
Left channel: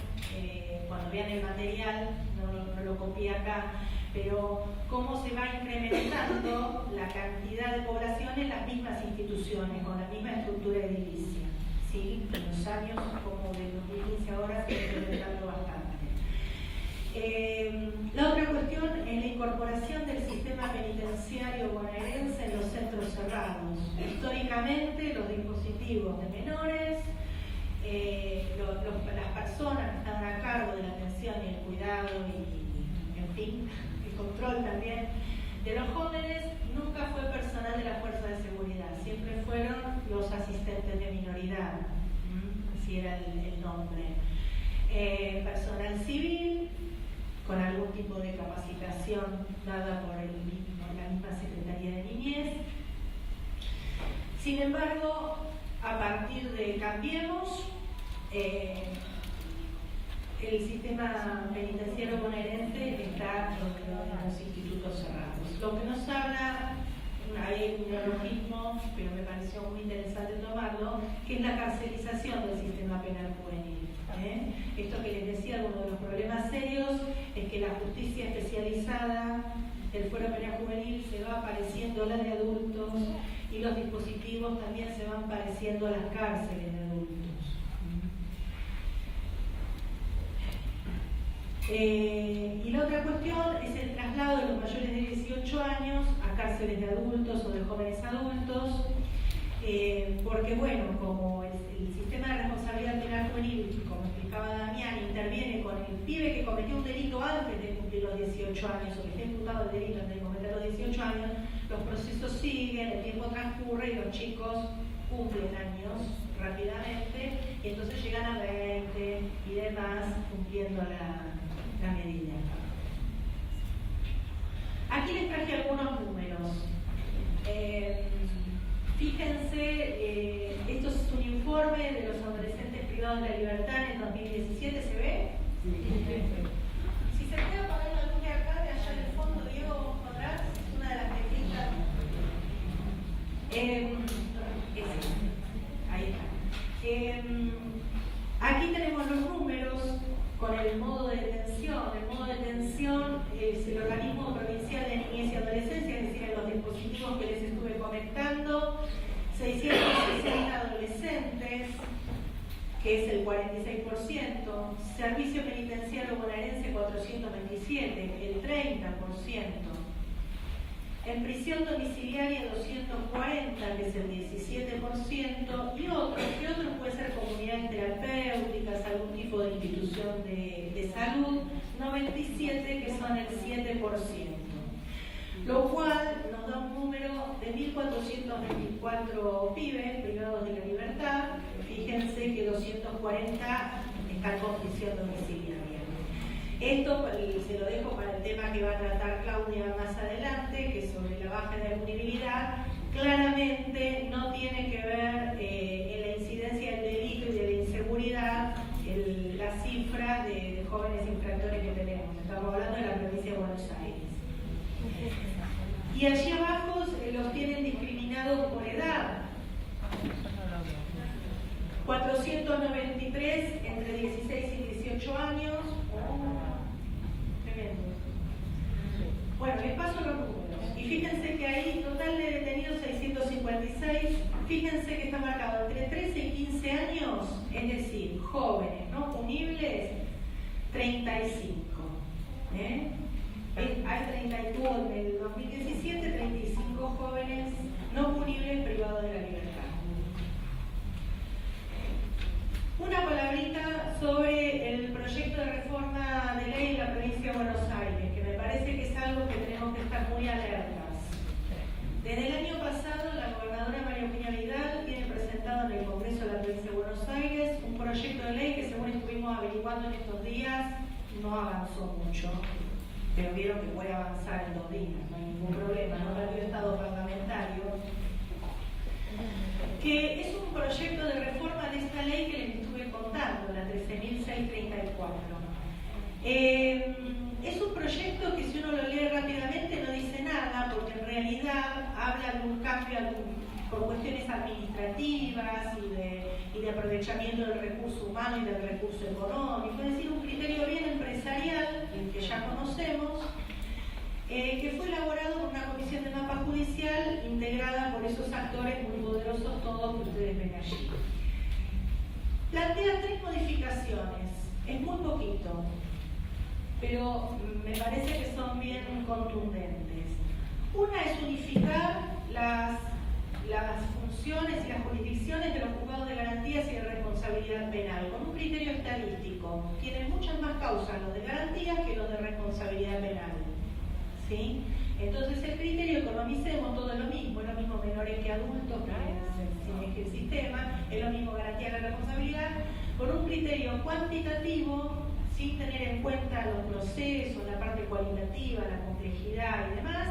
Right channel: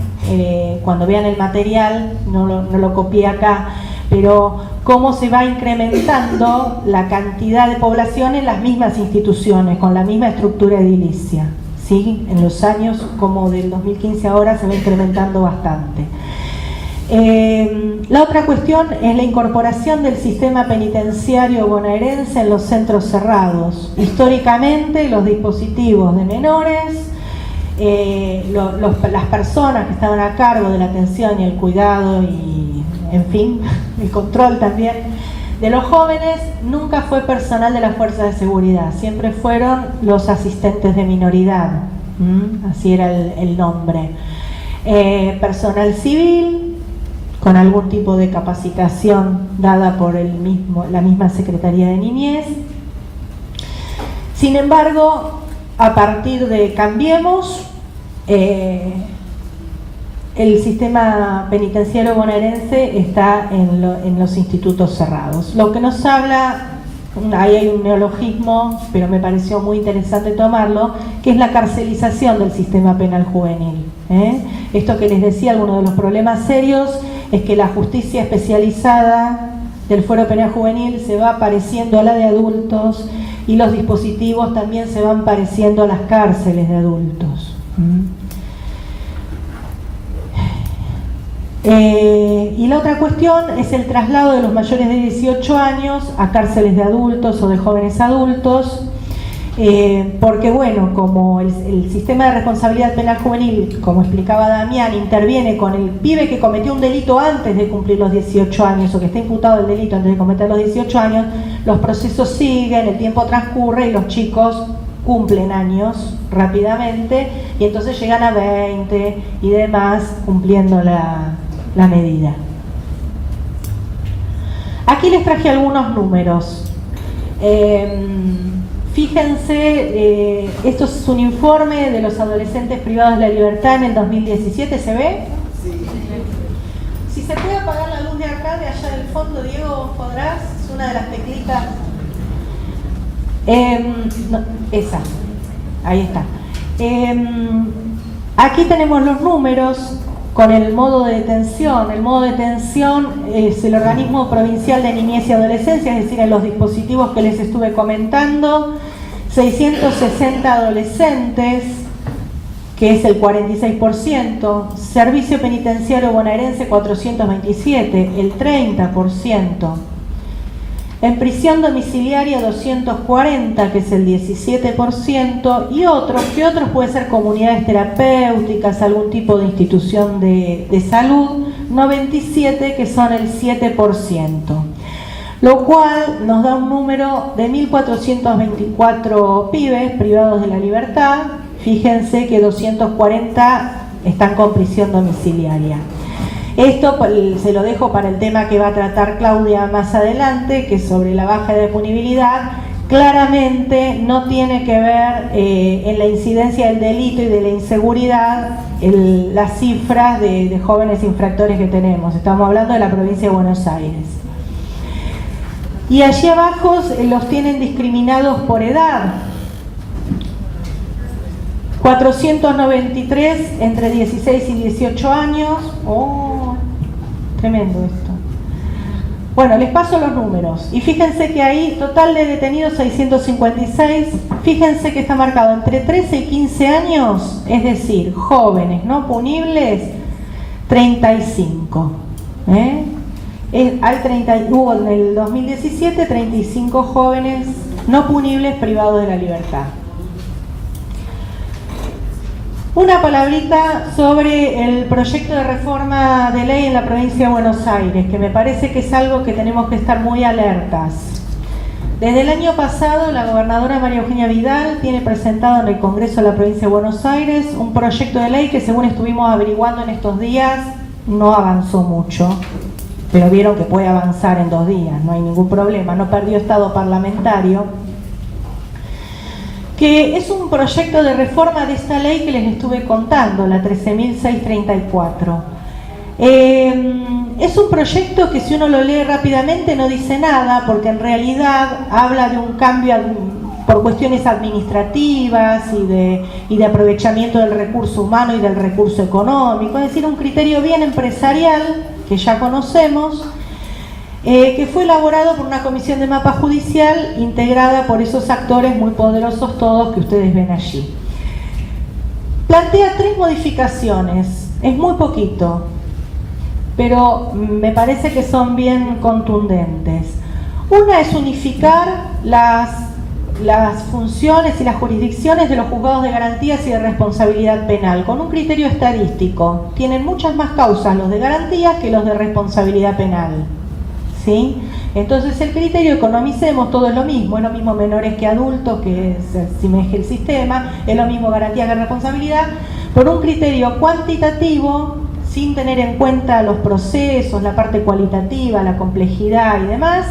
cuando vean el material, no lo copié acá, pero cómo se va incrementando la cantidad de población en las mismas instituciones, con la misma estructura edilicia, ¿sí? En los años, como del 2015 ahora, se va incrementando bastante. La otra cuestión es la incorporación del sistema penitenciario bonaerense en los centros cerrados. Históricamente, los dispositivos de menores, las personas que estaban a cargo de la atención y el cuidado y, en fin, el control también de los jóvenes, nunca fue personal de las fuerzas de seguridad, siempre fueron los asistentes de minoridad, así era el nombre. Personal civil, con algún tipo de capacitación dada por la misma Secretaría de Niñez. Sin embargo, a partir de Cambiemos, el sistema penitenciario bonaerense está en los institutos cerrados, lo que nos habla ahí hay un neologismo, pero me pareció muy interesante tomarlo, que es la carcelización del sistema penal juvenil. Esto que les decía, algunos de los problemas serios es que la justicia especializada del fuero penal juvenil se va pareciendo a la de adultos y los dispositivos también se van pareciendo a las cárceles de adultos. Y la otra cuestión es el traslado de los mayores de 18 años a cárceles de adultos o de jóvenes adultos, porque bueno, como el sistema de responsabilidad penal juvenil, como explicaba Damián, interviene con el pibe que cometió un delito antes de cumplir los 18 años o que está imputado del delito antes de cometer los 18 años, los procesos siguen, el tiempo transcurre y los chicos cumplen años rápidamente y entonces llegan a 20 y demás cumpliendo la medida. Aquí les traje algunos números. Fíjense, esto es un informe de los adolescentes privados de la libertad en el 2017, ¿se ve? Sí. Si se puede apagar la luz de acá, de allá del fondo, Diego, ¿podrás? Es una de las teclitas. No, esa, ahí está. Aquí tenemos los números con el modo de detención. El modo de detención es el Organismo Provincial de Niñez y Adolescencia, es decir, en los dispositivos que les estuve comentando, 660 adolescentes, que es el 46%, Servicio Penitenciario Bonaerense 427, el 30%, en prisión domiciliaria 240, que es el 17%, y otros, que otros pueden ser comunidades terapéuticas, algún tipo de institución de salud, 97, que son el 7%. Lo cual nos da un número de 1.424 pibes privados de la libertad. Fíjense que 240 están con prisión domiciliaria. Esto se lo dejo para el tema que va a tratar Claudia más adelante, que es sobre la baja de punibilidad. Claramente no tiene que ver en la incidencia del delito y de la inseguridad las cifras de jóvenes infractores que tenemos. Estamos hablando de la provincia de Buenos Aires. Y allí abajo los tienen discriminados por edad. 493 entre 16 y 18 años. Oh, tremendo esto. Bueno, les paso los números. Y fíjense que ahí, total de detenidos 656. Fíjense que está marcado entre 13 y 15 años, es decir, jóvenes no punibles, 35. Hubo en el 2017 35 jóvenes no punibles privados de la libertad. Una palabrita sobre el proyecto de reforma de ley en la provincia de Buenos Aires, que me parece que es algo que tenemos que estar muy alertas. Desde el año pasado, la gobernadora María Eugenia Vidal tiene presentado en el Congreso de la provincia de Buenos Aires un proyecto de ley que, según estuvimos averiguando en estos días, no avanzó mucho, pero vieron que puede avanzar en 2 días, no hay ningún problema, no perdió estado parlamentario, que es un proyecto de reforma de esta ley que les estuve contando, la 13.634. Es un proyecto que, si uno lo lee rápidamente, no dice nada, porque en realidad habla de un cambio por cuestiones administrativas y de aprovechamiento del recurso humano y del recurso económico, es decir, un criterio bien empresarial que ya conocemos, que fue elaborado por una comisión de mapa judicial integrada por esos actores muy poderosos todos que ustedes ven allí. Plantea 3 modificaciones, es muy poquito, pero me parece que son bien contundentes. Una es unificar las funciones y las jurisdicciones de los juzgados de garantías y de responsabilidad penal con un criterio estadístico. Tienen muchas más causas los de garantías que los de responsabilidad penal, ¿sí? Entonces el criterio, economicemos, todo es lo mismo menores que adultos, que se asemeje el sistema, es lo mismo garantía que responsabilidad, por un criterio cuantitativo, sin tener en cuenta los procesos, la parte cualitativa, la complejidad y demás,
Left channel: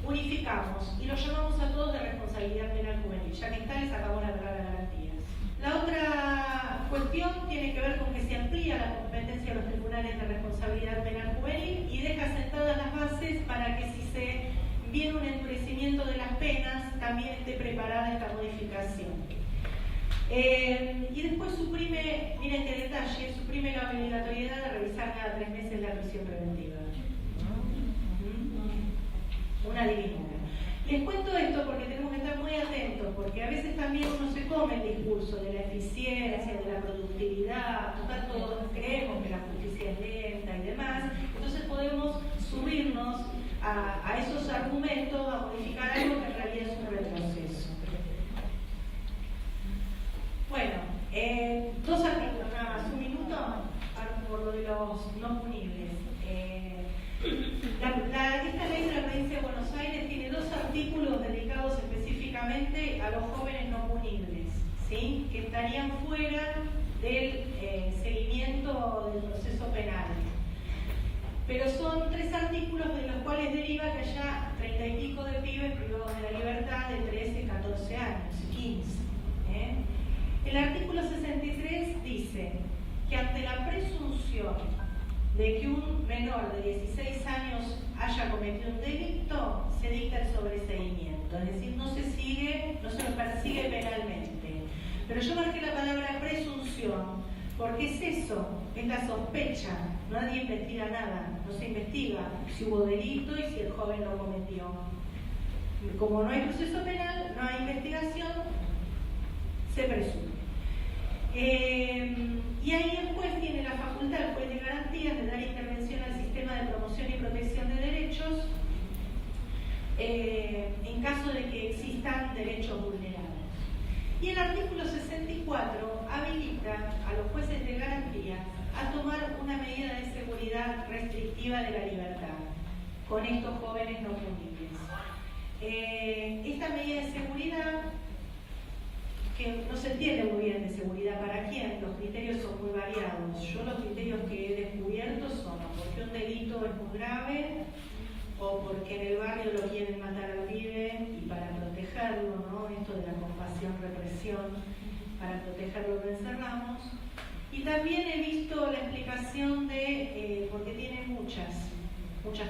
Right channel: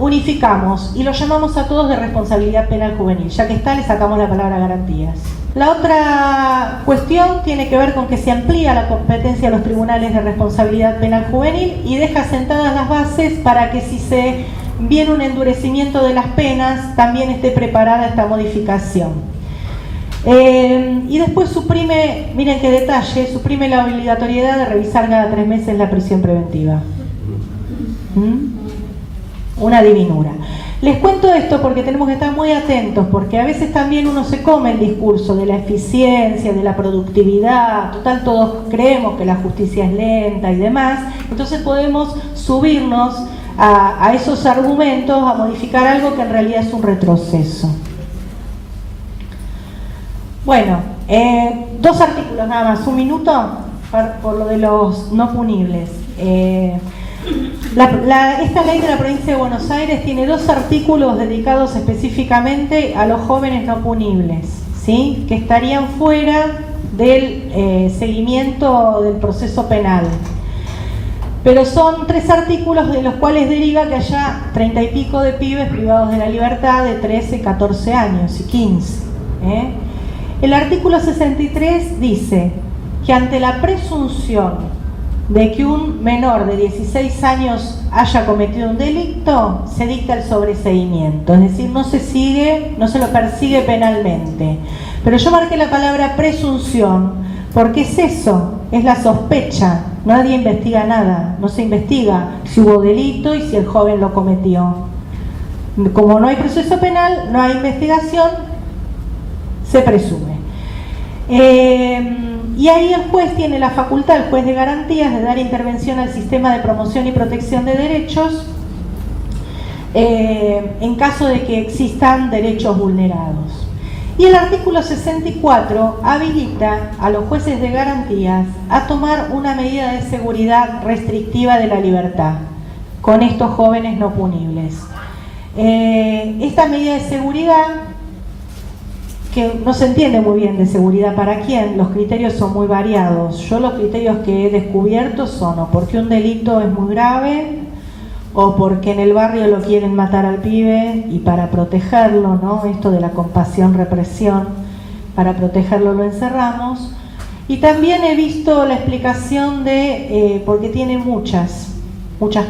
unificamos y lo llamamos a todos de responsabilidad penal juvenil. Ya que está, le sacamos la palabra garantías. La otra cuestión tiene que ver con que se amplía la competencia de los tribunales de responsabilidad penal juvenil y deja sentadas las bases para que si se viene un endurecimiento de las penas, también esté preparada esta modificación. Y después suprime, miren qué detalle, suprime la obligatoriedad de revisar cada 3 meses la prisión preventiva. Una divinura. Les cuento esto porque tenemos que estar muy atentos, porque a veces también uno se come el discurso de la eficiencia, de la productividad, total todos creemos que la justicia es lenta y demás, entonces podemos subirnos a esos argumentos, a modificar algo que en realidad es un retroceso. Bueno, 2 artículos nada más, 1 minuto por lo de los no punibles. Esta ley de la provincia de Buenos Aires tiene 2 artículos dedicados específicamente a los jóvenes no punibles, ¿sí? Que estarían fuera del seguimiento del proceso penal. Pero son 3 artículos de los cuales deriva que haya 30 y pico de pibes privados de la libertad de 13, 14 años y 15. El artículo 63 dice que ante la presunción de que un menor de 16 años haya cometido un delito, se dicta el sobreseimiento, es decir, no se lo persigue penalmente. Pero yo marqué la palabra presunción, porque es eso, es la sospecha. Nadie investiga nada, no se investiga si hubo delito y si el joven lo cometió. Como no hay proceso penal, no hay investigación, se presume. Y ahí el juez tiene la facultad, el juez de garantías, de dar intervención al sistema de promoción y protección de derechos en caso de que existan derechos vulnerados. Y el artículo 64 habilita a los jueces de garantías a tomar una medida de seguridad restrictiva de la libertad con estos jóvenes no punibles. Esta medida de seguridad, que no se entiende muy bien de seguridad para quién, los criterios son muy variados. Yo los criterios que he descubierto son o porque un delito es muy grave, o porque en el barrio lo quieren matar al pibe y para protegerlo, ¿no? Esto de la compasión, represión, para protegerlo lo encerramos. Y también he visto la explicación de porque tiene muchas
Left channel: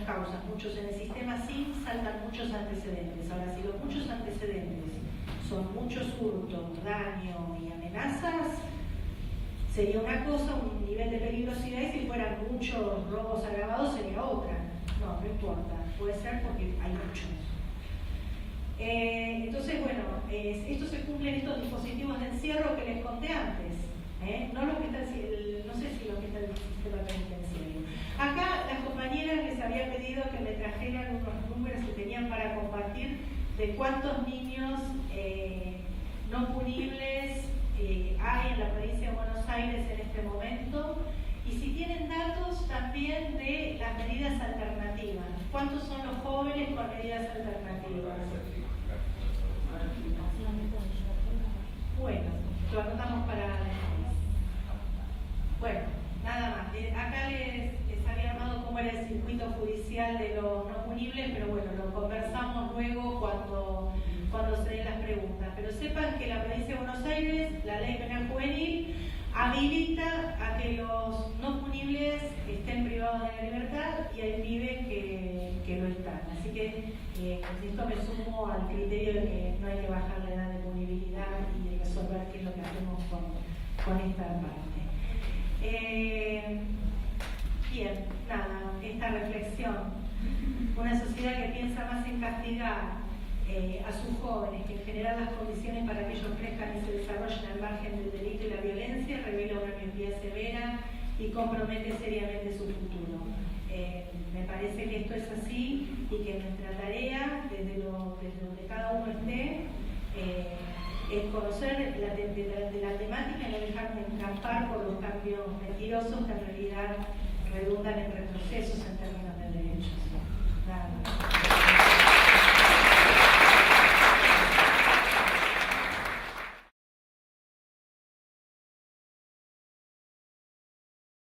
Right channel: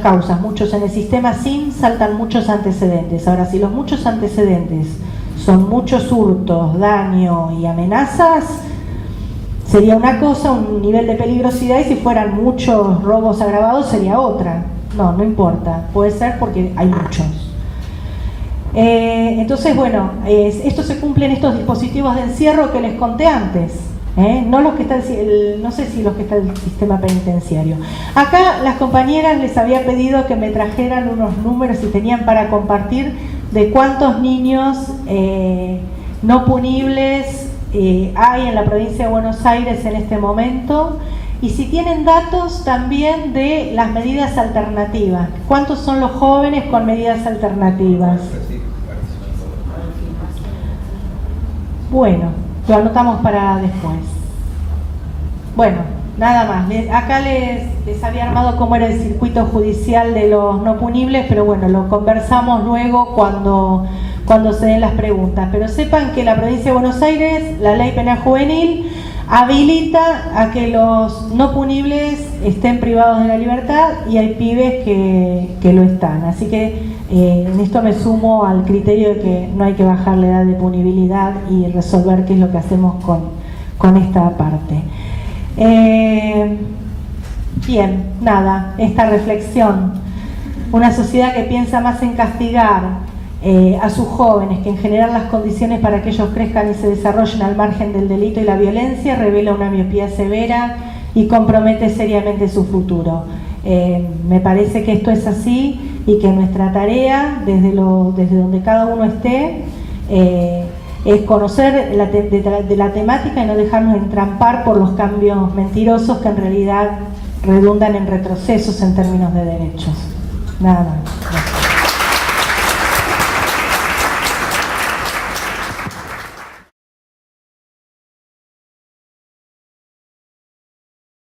causas, muchos en el sistema SIM saltan muchos antecedentes. Ahora, si los muchos antecedentes son muchos hurtos, daño y amenazas, sería una cosa, un nivel de peligrosidad, y si fueran muchos robos agravados sería otra. No importa, puede ser porque hay muchos. Entonces, bueno, esto se cumple en estos dispositivos de encierro que les conté antes, no los que están, no sé si los que están en el sistema penitenciario. Acá las compañeras les había pedido que me trajeran unos números si tenían para compartir de cuántos niños no punibles hay en la provincia de Buenos Aires en este momento. Y si tienen datos también de las medidas alternativas. ¿Cuántos son los jóvenes con medidas alternativas? Bueno, lo anotamos para después. Bueno, nada más. Acá les había armado cómo era el circuito judicial de los no punibles, pero bueno, lo conversamos luego cuando se den las preguntas. Pero sepan que la provincia de Buenos Aires, la ley penal juvenil, habilita a que los no punibles estén privados de la libertad y hay pibes que lo están. Así que en esto me sumo al criterio de que no hay que bajar la edad de punibilidad y resolver qué es lo que hacemos con esta parte. Bien, nada, esta reflexión. Una sociedad que piensa más en castigar a sus jóvenes que en general las condiciones para que ellos crezcan y se desarrollen al margen del delito y la violencia revela una miopía severa y compromete seriamente su futuro. Me parece que esto es así y que nuestra tarea, desde donde cada uno esté, es conocer de la temática y no dejarnos entrampar por los cambios mentirosos que en realidad redundan en retrocesos en términos de derechos. Nada más.